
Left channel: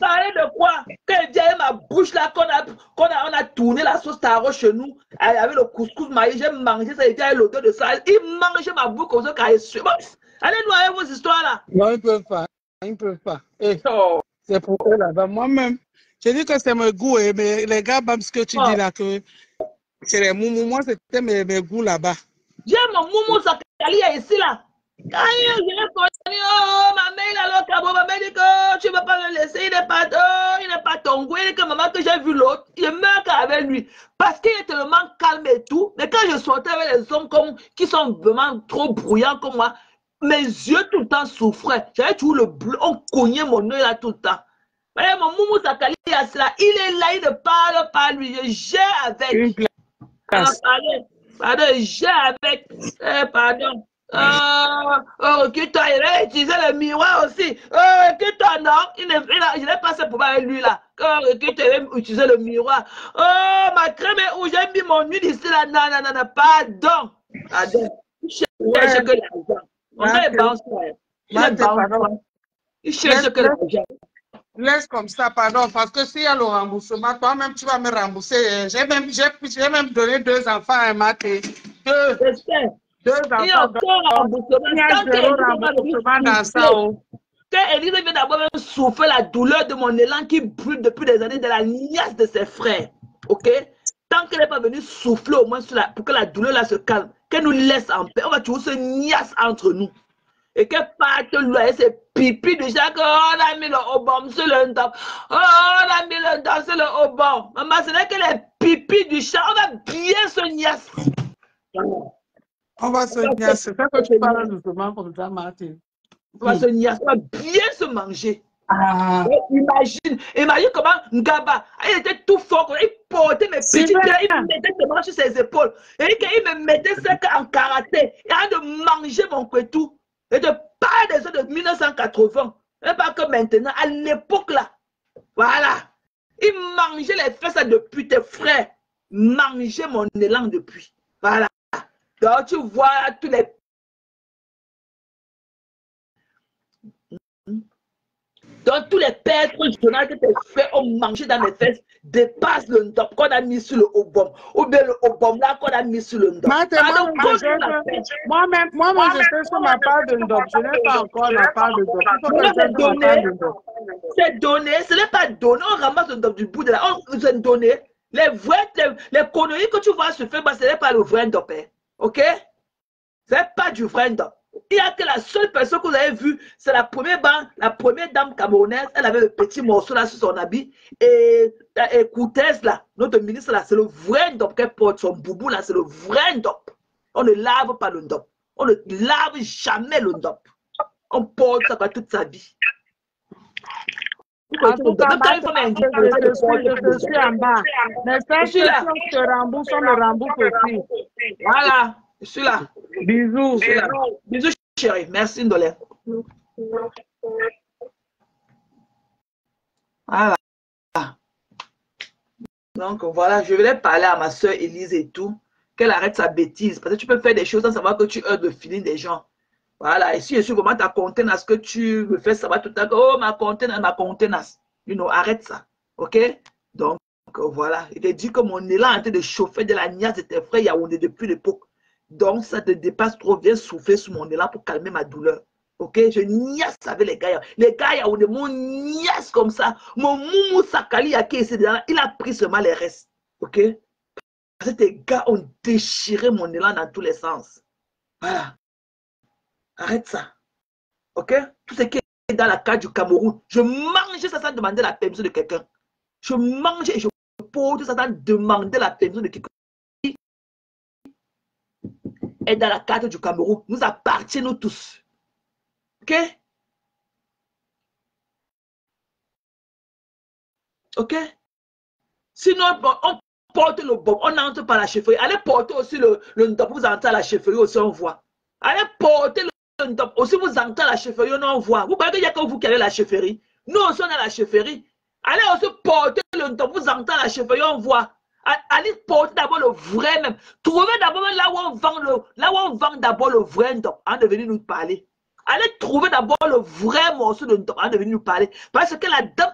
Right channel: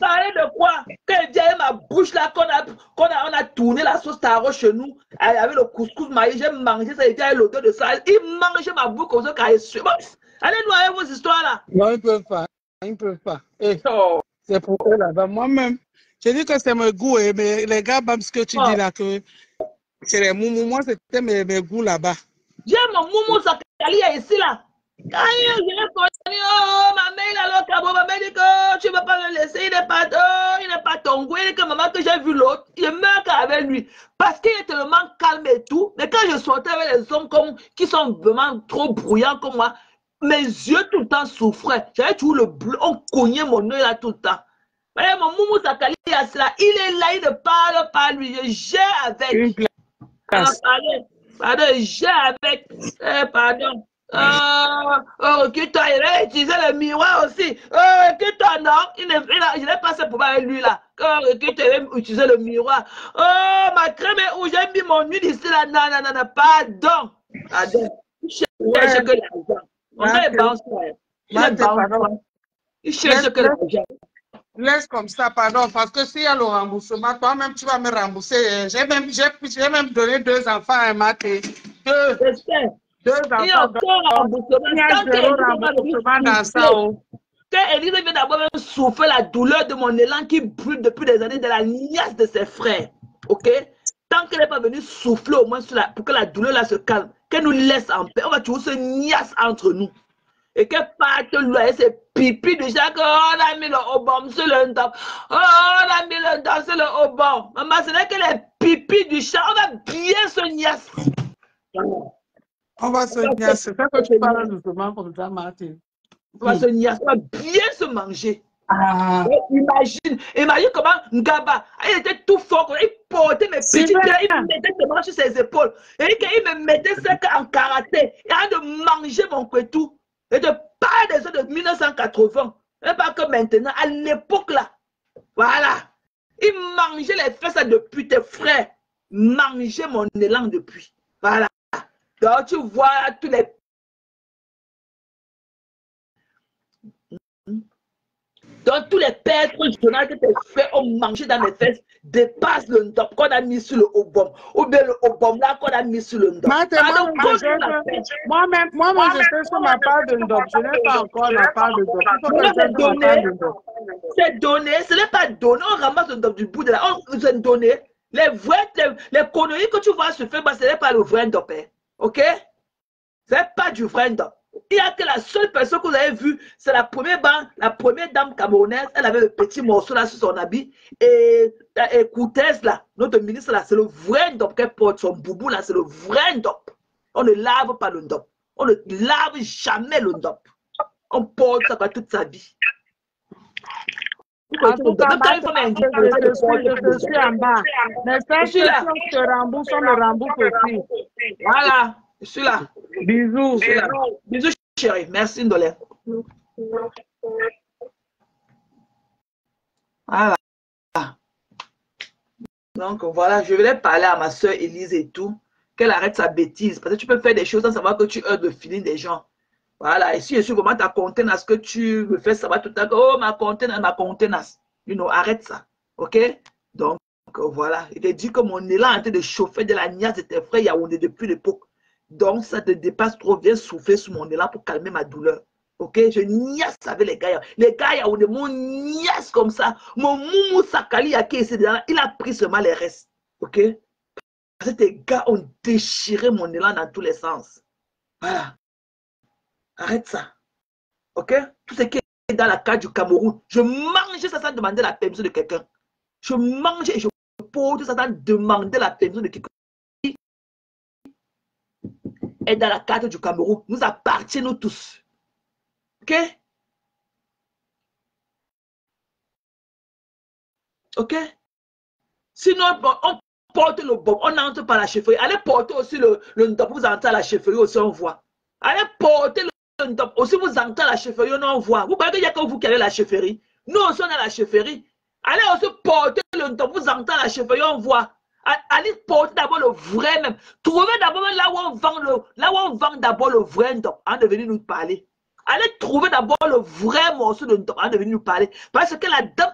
Parler de quoi? Quand il vient ma bouche là, on a tourné la sauce taro chez nous, avec le couscous maïs, j'ai mangé ça, il vient l'odeur de ça, il mange ma bouche comme ça quand il suit. Allez noyer vos histoires là. Non, ils ne peuvent pas. Ils ne peuvent pas. C'est pour eux là-bas. Moi-même, je dis que c'est mon goût, mais les gars, ce que tu dis là, que c'est les moumous, moi c'était mes goûts là-bas. J'ai mon moumou Sakali ici là. Quand je l'ai connu, oh, ma mère, il a le cabot, ma mère dit que tu ne vas pas le laisser, il n'est pas ton goût, il dit que maman, que j'ai vu l'autre, il meurt avec lui. Parce qu'il est tellement calme et tout. Mais quand je sortais avec les hommes qui sont vraiment trop bruyants comme moi, mes yeux tout le temps souffraient. J'avais toujours le bleu, on cognait mon œil là tout le temps. Voyez, mon moumou Sakali, il est là, il ne parle pas lui, je gère avec. Pardon, je gère avec. Pardon. Recule-toi, il a utilisé le miroir aussi. Recule-toi, non, je n'ai pas ce pouvoir avec lui là. Recule-toi, il va utiliser le miroir. Oh, ma crème est où j'ai mis mon huile ici là. Non, pardon. Il cherche que l'argent. On a les banques. Il cherche que l'argent. Laisse comme ça, pardon, parce que s'il y a le remboursement, toi-même tu vas me rembourser. J'ai même donné 2 enfants à un matin. 2 enfants. Il y a encore remboursement. Il y a 0 remboursement dans ça. Quand Élise vient d'abord souffrir la douleur de mon élan qui brûle depuis des années de la niaise de ses frères. Ok? Tant qu'elle n'est pas venue souffler au moins pour que la douleur là se calme, qu'elle nous laisse en paix, on va toujours se niasse entre nous. Et qu'elle parte loin, c'est pipi déjà que on a mis le haut sur le dos. Oh, on a mis le dos sur le haut bord. Maman, ce n'est que les pipis du chat, on va bien se niasse. On va se niasse. C'est ça que tu parles justement comme ça, Martin. On va se niasse, on va bien se manger. Imagine comment Ngaba, il était tout fort, il portait mes petits pieds, il me mettait ses bras sur ses épaules. Et il me mettait ça en karaté. Il a de manger mon kwetou. Et de parler des autres de 1980. Et pas que maintenant, à l'époque là. Voilà. Il mangeait les fesses depuis tes frères. Mangeait mon élan depuis. Voilà. Donc tu vois tous les... Donc tous les pères journal que tes frères ont mangé dans les fesses dépassent le ndop qu'on a mis sur le haut-bom. Ou bien le haut-bom là qu'on a mis sur le ndop. Moi-même, je sais sur ma part de ndop. Je n'ai pas encore la part de ndop. C'est donné. Ce n'est pas donné. On ramasse le ndop du bout de là. On vous a donné. Les conneries que tu vois se faire, ce n'est pas le vrai ndop. Hein. Ok? Ce n'est pas du vrai ndop. Il n'y a que la seule personne que vous avez vue, c'est la première dame camerounaise. Elle avait le petit morceau là sur son habit. Et Koutez là, notre ministre là, c'est le vrai ndop qu'elle porte. Son boubou là, c'est le vrai ndop. On ne lave pas le ndop. On ne lave jamais le ndop. On porte ça toute sa vie. En tout cas, Même quand une femme est indigne, je suis en bas. Mais je suis là. si on te rembourse, on me rembourse aussi. Voilà, je suis là. Bisous. Je suis là. Bisous, chérie. Merci, Ndolé. Voilà. Donc, voilà, je voulais parler à ma soeur Élise et tout, qu'elle arrête sa bêtise. Parce que tu peux faire des choses sans savoir que tu heurtes le feeling des gens. Voilà, et si je suis vraiment ta contenance, que tu me fais savoir tout à l'heure, oh, ma contenance. You know, arrête ça. OK? Donc, voilà. Il te dit que mon élan est en train de chauffer de la niaise de tes frères Yaoundé depuis l'époque. Donc, ça te dépasse trop. Viens souffler sur mon élan pour calmer ma douleur. Ok, je niaise avec les gars. Les gars, Yaoundé, mon niaise comme ça. Mon moumou Sakali, il a pris seulement les restes. Ok? Parce que tes gars ont déchiré mon élan dans tous les sens. Voilà. Arrête ça. Ok? Tout ce qui est dans la carte du Cameroun, je mangeais ça sans demander la permission de quelqu'un. Je mangeais et je pose ça sans demander la permission de quelqu'un. Et dans la carte du Cameroun, nous appartenons tous. Ok? Ok? Sinon, on porte le bon, on entre par la chefferie. Allez porter aussi le ndop, vous entrez à la chefferie aussi, on voit. Allez porter le ndop, aussi vous entrez à la chefferie, on voit. Vous croyez qu'il n'y a que vous qui allez à la chefferie? Nous aussi, on est à la chefferie. Allez aussi porter le ndop, vous entrez à la chefferie, on voit. Allez porter d'abord le vrai même. Trouvez d'abord là où on vend d'abord le vrai ndop, avant de venir nous parler. Allez trouver d'abord le vrai morceau de ndop, avant de venir nous parler. Parce que la dame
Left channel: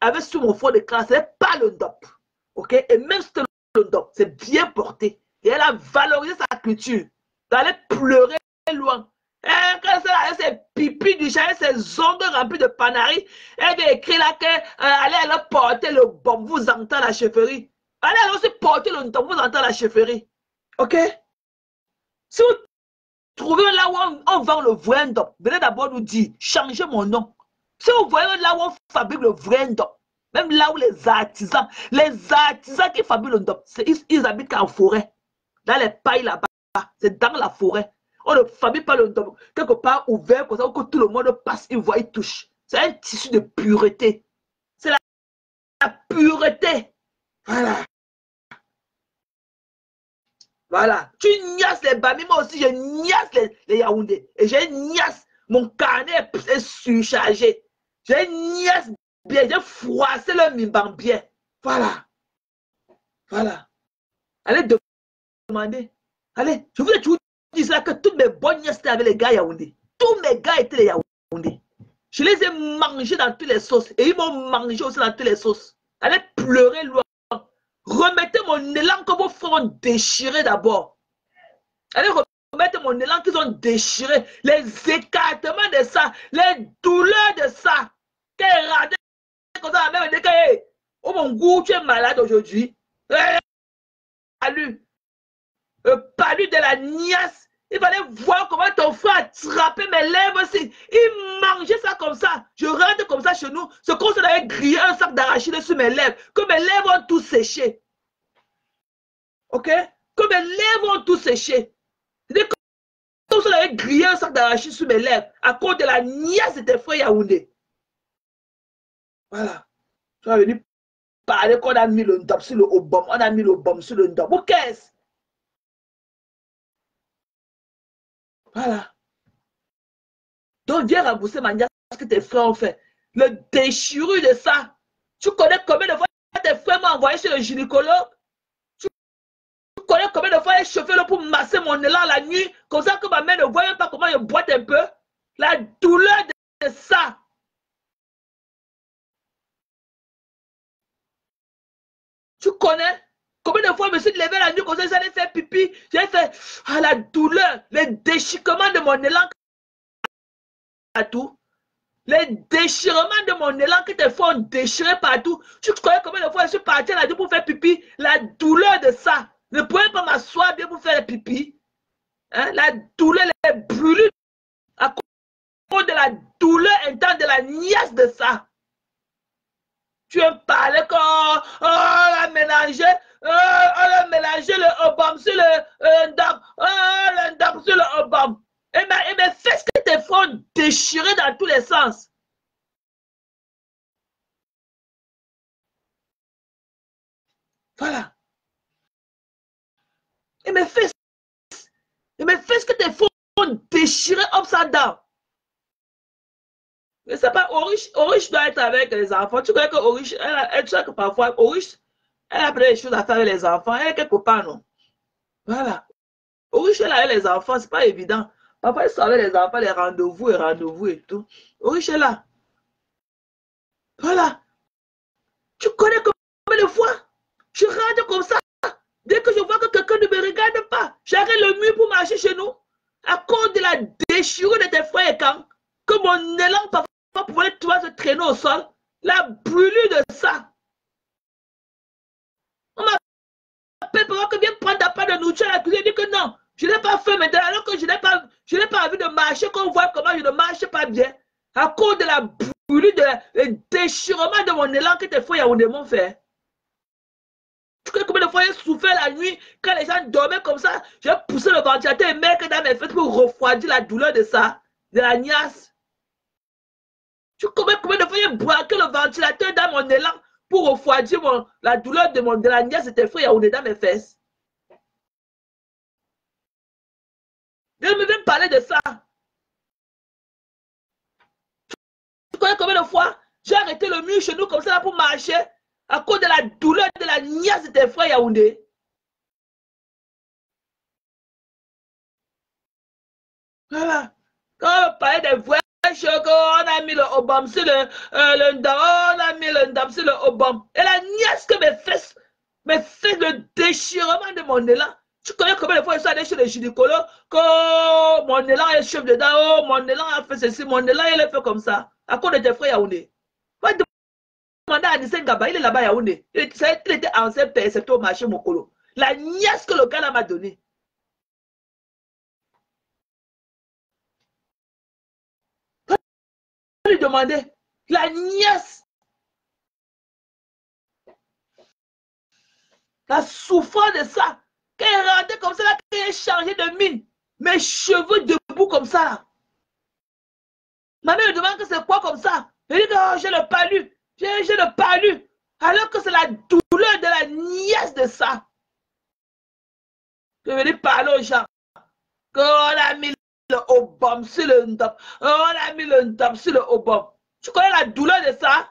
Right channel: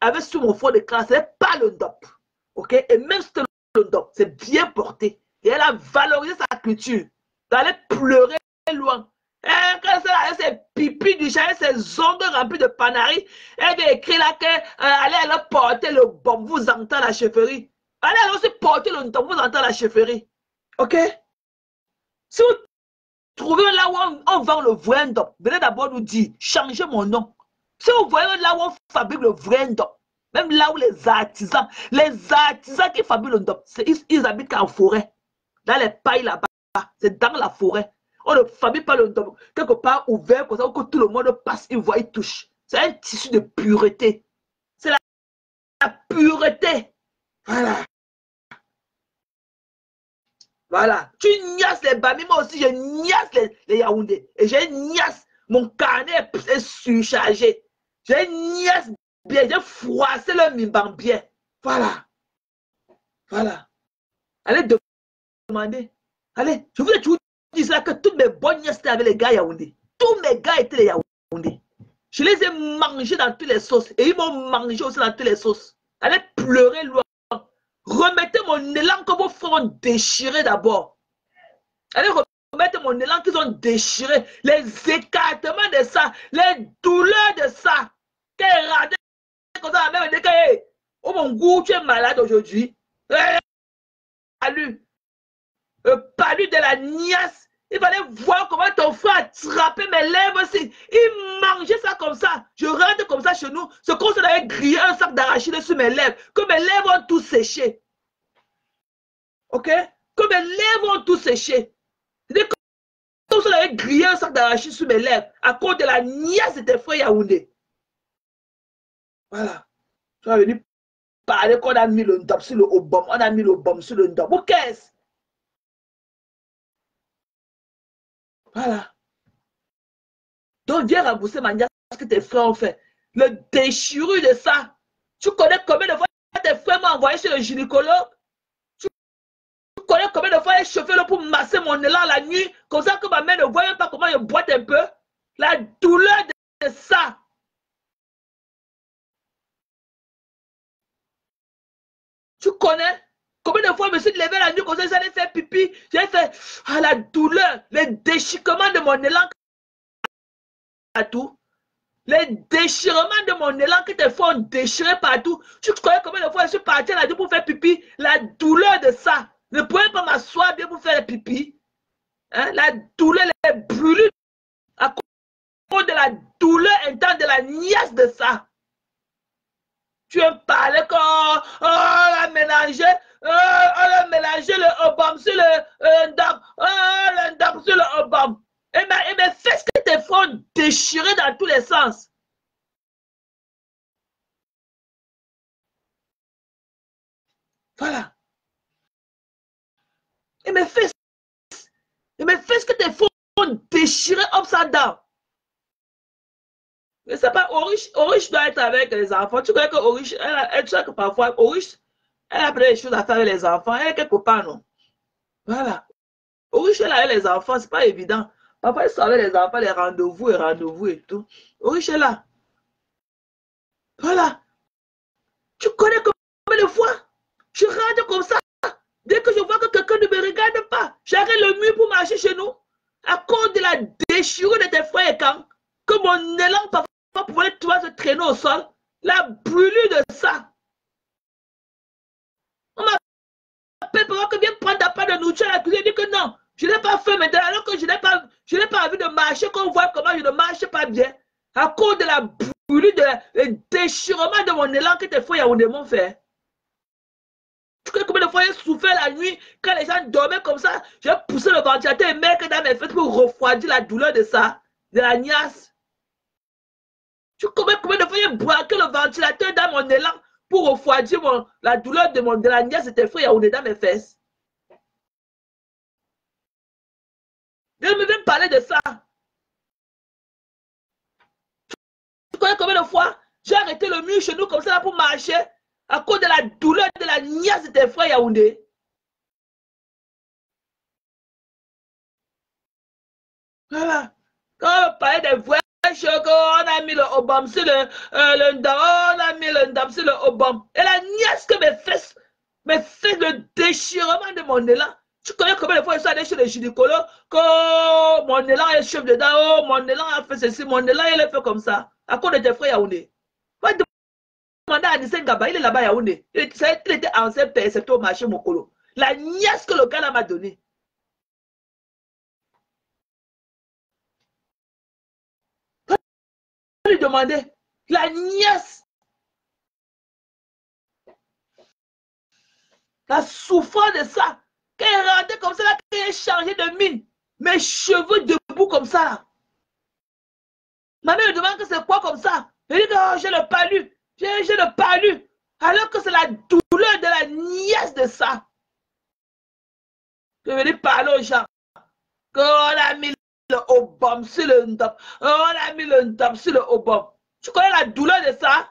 avait sur mon fond de classe, ce n'est pas le ndop. Ok? Et même si c'était le ndop, c'est bien porté. Et elle a valorisé sa culture. D'aller pleurer loin. Et quand elle a ses pipis du chat, ses ongles remplis de panaris, elle vient écrire là qu'elle allait porter le bon, vous entendez à la chefferie. Allez aussi porter le ndop, vous entendez à la chefferie. Ok? Si vous trouvez là où on vend le vrai ndop, venez d'abord nous dire, changez mon nom. Si vous voyez là où on fabrique le vrai ndop, même là où les artisans qui fabriquent le ndop, ils habitent en forêt. Dans les pailles là-bas, c'est dans la forêt. On ne fabrique pas le ndop quelque part ouvert comme ça, où tout le monde passe, il voit, il touche. C'est un tissu de pureté. C'est la pureté. Voilà. Voilà. Tu niasses les Bami, moi aussi je niasse les Yaoundé. Et je niasse. Mon carnet est surchargé. Je niasse bien. J'ai froissé le mimban bien. Voilà. Voilà. Allez demander. Allez, je voulais toujours dire ça que toutes mes bonnes nièces étaient avec les gars Yaoundé. Tous mes gars étaient les Yaoundé. Je les ai mangés dans toutes les sauces. Et ils m'ont mangé aussi dans toutes les sauces. Allez pleurer loin. Remettez mon élan que vos frères ont déchiré d'abord. Allez remettre mon élan qu'ils ont déchiré. Les écartements de ça. Les douleurs de ça. Qu'elle radait comme ça. Même dit que, oh mon goût, tu es malade aujourd'hui. Palu de la niasse. Il fallait voir comment ton frère attrapait mes lèvres aussi. Il mangeait ça comme ça. Je rentre comme ça chez nous. C'est comme si on avait grillé un sac d'arachide sur mes lèvres. Que mes lèvres ont tout séché. Ok? Que mes lèvres ont tout séché. C'est comme si on avait grillé un sac d'arachide sur mes lèvres. À cause de la niasse de tes frères Yaoundé. Voilà. Tu vas venir parler qu'on a mis le ndop sur le obom. On a mis le bom sur le ndop. Ou qu'est-ce? Voilà. Donc, viens rembourser ma niasse que tes frères ont fait. Le déchirure de ça. Tu connais combien de fois tes frères m'ont envoyé chez le gynécologue? Tu connais combien de fois j'ai chauffé pour masser mon élan la nuit? Comme ça que ma mère ne voit même pas comment je boite un peu. La douleur de ça. Tu connais combien de fois je me suis levé la nuit comme ça, j'allais faire pipi. J'ai fait la douleur, le déchirement de mon élan partout. Les déchirements de mon élan que tes frères ont déchiré partout. Tu connais combien de fois je suis parti la nuit pour faire pipi? La douleur de ça. Ne pouvais pas m'asseoir bien pour faire le pipi. Hein? La douleur, les brûlures à cause de la douleur intense de la niaise de ça. Tu me parlais qu'on a mélangé, le obam sur le ndap, le ndap sur le obam. Et mes fesses que tes frères ont déchiré dans tous les sens. Voilà. Et mes fesses que tes faux déchirés upside down. Je ne sais pas, Orish doit être avec les enfants. Tu connais que Orish, tu sais que parfois, Orish, elle a plein de choses à faire avec les enfants. Elle a quelques copains, non? Voilà. Orish, elle a avec les enfants, c'est pas évident. Parfois, elle sort avec les enfants, les rendez-vous et tout. Orish est là. Voilà. Tu connais combien de fois? Je rentre comme ça. Dès que je vois que quelqu'un ne me regarde pas, j'arrête le mur pour marcher chez nous. À cause de la déchirure de tes frères et quand, que mon élan parfois pouvait se traîner au sol, la brûlure de ça. On m'appelle pour que viens prendre ta part de nourriture à la cuisine. Je dis que non, je n'ai pas faim maintenant, alors que je n'ai pas envie de marcher, qu'on voit comment je ne marche pas bien. À cause de la brûlure, de déchirement de mon élan que tes frères Yaoundé m'ont fait. Tu connais combien de fois j'ai souffert la nuit quand les gens dormaient comme ça? J'ai poussé le ventilateur et mettre dans mes fesses pour refroidir la douleur de ça, de la niasse. Tu connais combien de fois j'ai braqué le ventilateur dans mon élan pour refroidir la douleur de la niasse de tes frères Yaoundé dans mes fesses? Je ne me viens parler de ça. Tu connais combien de fois j'ai arrêté le mur chez nous comme ça pour marcher à cause de la douleur de la niasse de tes frères Yaoundé? Voilà. Quand on parlait des vrais chocs, on a mis le Obama sur le ndam, on a mis le ndam sur le Obama. Et la niasse que mes fesses, le déchirement de mon élan. Tu connais combien de fois je suis allé chez le gynécologue, que mon élan est chef dedans, oh, mon élan a fait ceci, mon élan il est fait comme ça. À cause de tes frères Yaoundé. Va demander à Nissen Gaba, il est là-bas Yaoundé. Il était ancien percepteur au marché Mokolo. La niasse que le gars m'a donnée. Lui demander la nièce, la souffrance de ça, quand elle rentrait comme ça, quand elle est changée de mine, mes cheveux debout comme ça là. Ma mère me demande que c'est quoi comme ça. Je dis que oh, j'ai le palu, j'ai le palu, alors que c'est la douleur de la nièce de ça. Je vais parler aux gens qu'on a mis le Obama sur le ndam, on a mis le ndam sur le Obama. Tu connais la douleur de ça?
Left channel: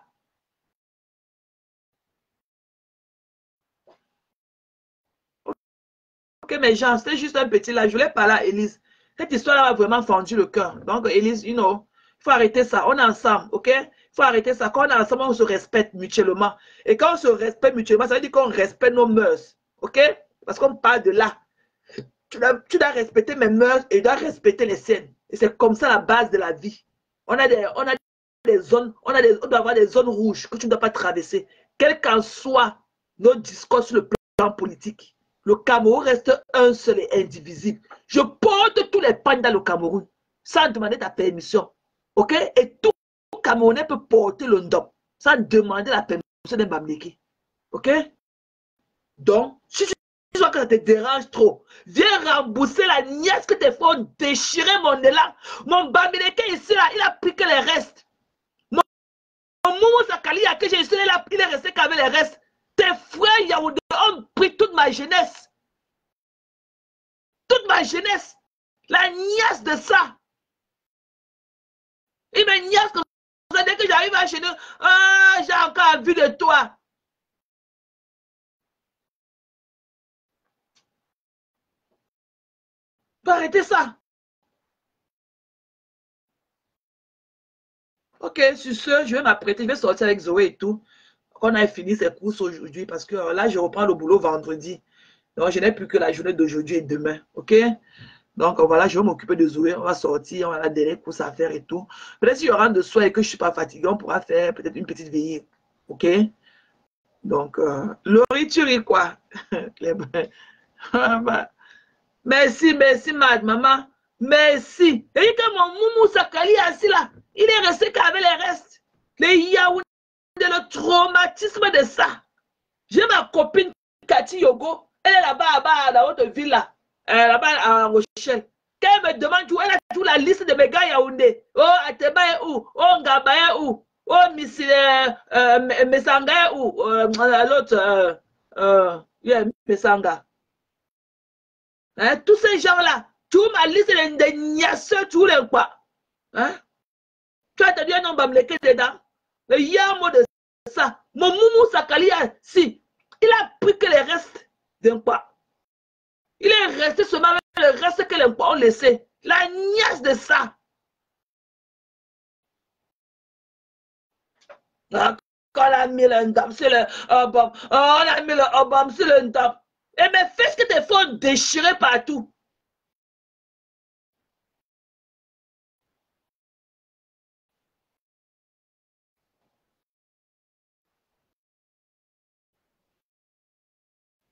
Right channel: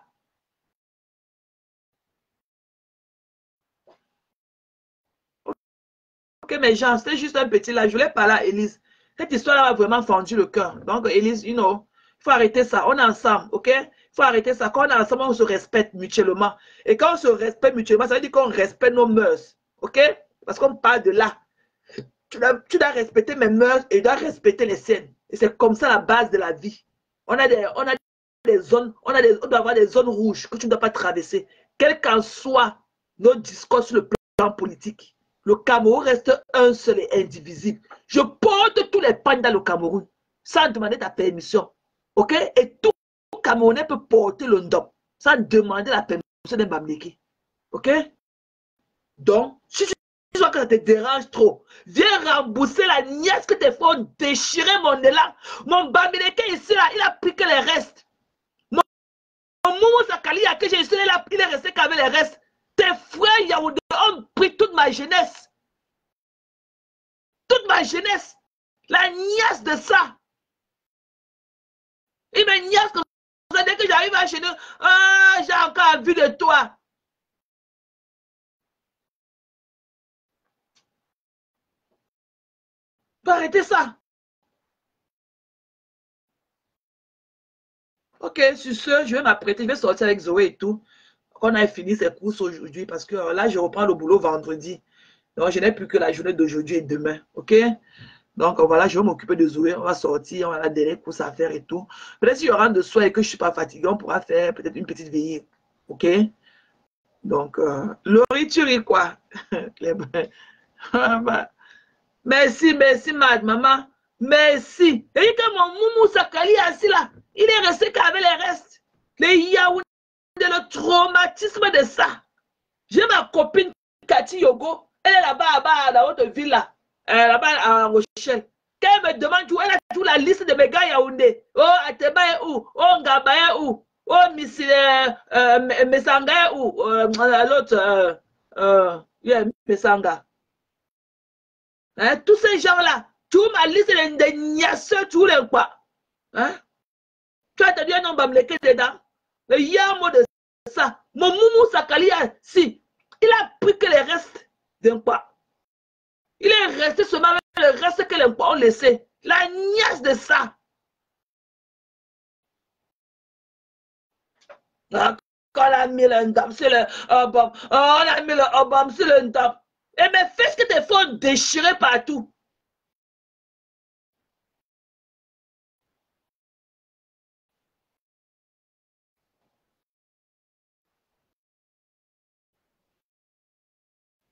Ok, mes gens, c'était juste un petit là. Je voulais parler à Élise. Cette histoire-là m'a vraiment fendu le cœur. Donc, Élise, you know, il faut arrêter ça. On est ensemble, ok? Il faut arrêter ça. Quand on est ensemble, on se respecte mutuellement. Et quand on se respecte mutuellement, ça veut dire qu'on respecte nos mœurs, ok? Parce qu'on parle de là. Tu dois respecter mes mœurs et tu dois respecter les siennes. Et c'est comme ça la base de la vie. On a des zones, on doit avoir des zones rouges que tu ne dois pas traverser. Quel qu'en soit nos discours sur le plan politique. Le Cameroun reste un seul et indivisible. Je porte tous les pannes dans le Cameroun sans demander ta permission. Ok? Et tout Camerounais peut porter le ndop sans demander la permission d'un Bamléki. Ok? Donc, si tu vois que ça te dérange trop, viens rembourser la nièce que tes frères ont déchiré mon élan. Mon Bamléki ici, là, il a pris que les restes. Mon Moumou Sakali, que j'ai ici, là, il est resté qu'avec les restes. Tes frères Yaoundé ont pris toute ma jeunesse. Toute ma jeunesse. La niasse de ça. Il me niasse comme ça. Dès que j'arrive à chez nous, ah, j'ai encore envie de toi. Faut arrêter ça. Ok, sur ce, je vais m'apprêter. Je vais sortir avec Zoé et tout. On a fini ses courses aujourd'hui parce que là, je reprends le boulot vendredi. Donc, je n'ai plus que la journée d'aujourd'hui et demain. Ok? Donc, voilà, je vais m'occuper de Zoé. On va sortir, on a des courses à faire et tout. Peut-être si je rentre de soir et que je ne suis pas fatigué, on pourra faire peut-être une petite veillée. Ok? Donc, Laurie, tu ris quoi? Merci, merci, maman. Merci. Et que mon Moumou Sakali assis là, il est resté qu'avec les restes. Les Yaoundé, le traumatisme de ça. J'ai ma copine Cathy Yogo. Elle est là-bas, dans votre ville là. Là-bas à Rochelle. Quand elle me demande où, elle a toute la liste de mes gars Yaoundé. Oh, Ateba est où? Oh, Ngaba est où? Oh, Messanga est où? L'autre, Yeah, Mesanga. Hein, tous ces gens-là, tu m'as liste des niasseux, tu les quoi? Hein? Tu as dit un homme va me lequer dedans. Il y a un mot de ça. Mon Moumou Sakalia, si, il a pris que les restes d'un quoi. Il est resté seulement avec le reste que les quoi ont laissé. La niasse de ça. Quand on a mis le ndam sur le Obama, on a mis le Obama sur le ndam. Et mais fais ce que tes fonds déchirés partout.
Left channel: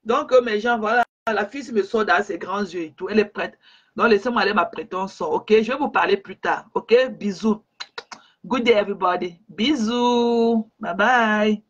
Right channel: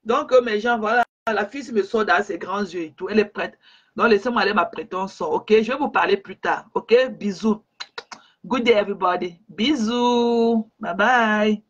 Donc, mes gens, voilà, la fille me sort dans ses grands yeux et tout. Elle est prête. Donc, laissez-moi aller m'apprêter un sort. Ok, je vais vous parler plus tard. Ok, bisous. Good day, everybody. Bisous. Bye bye.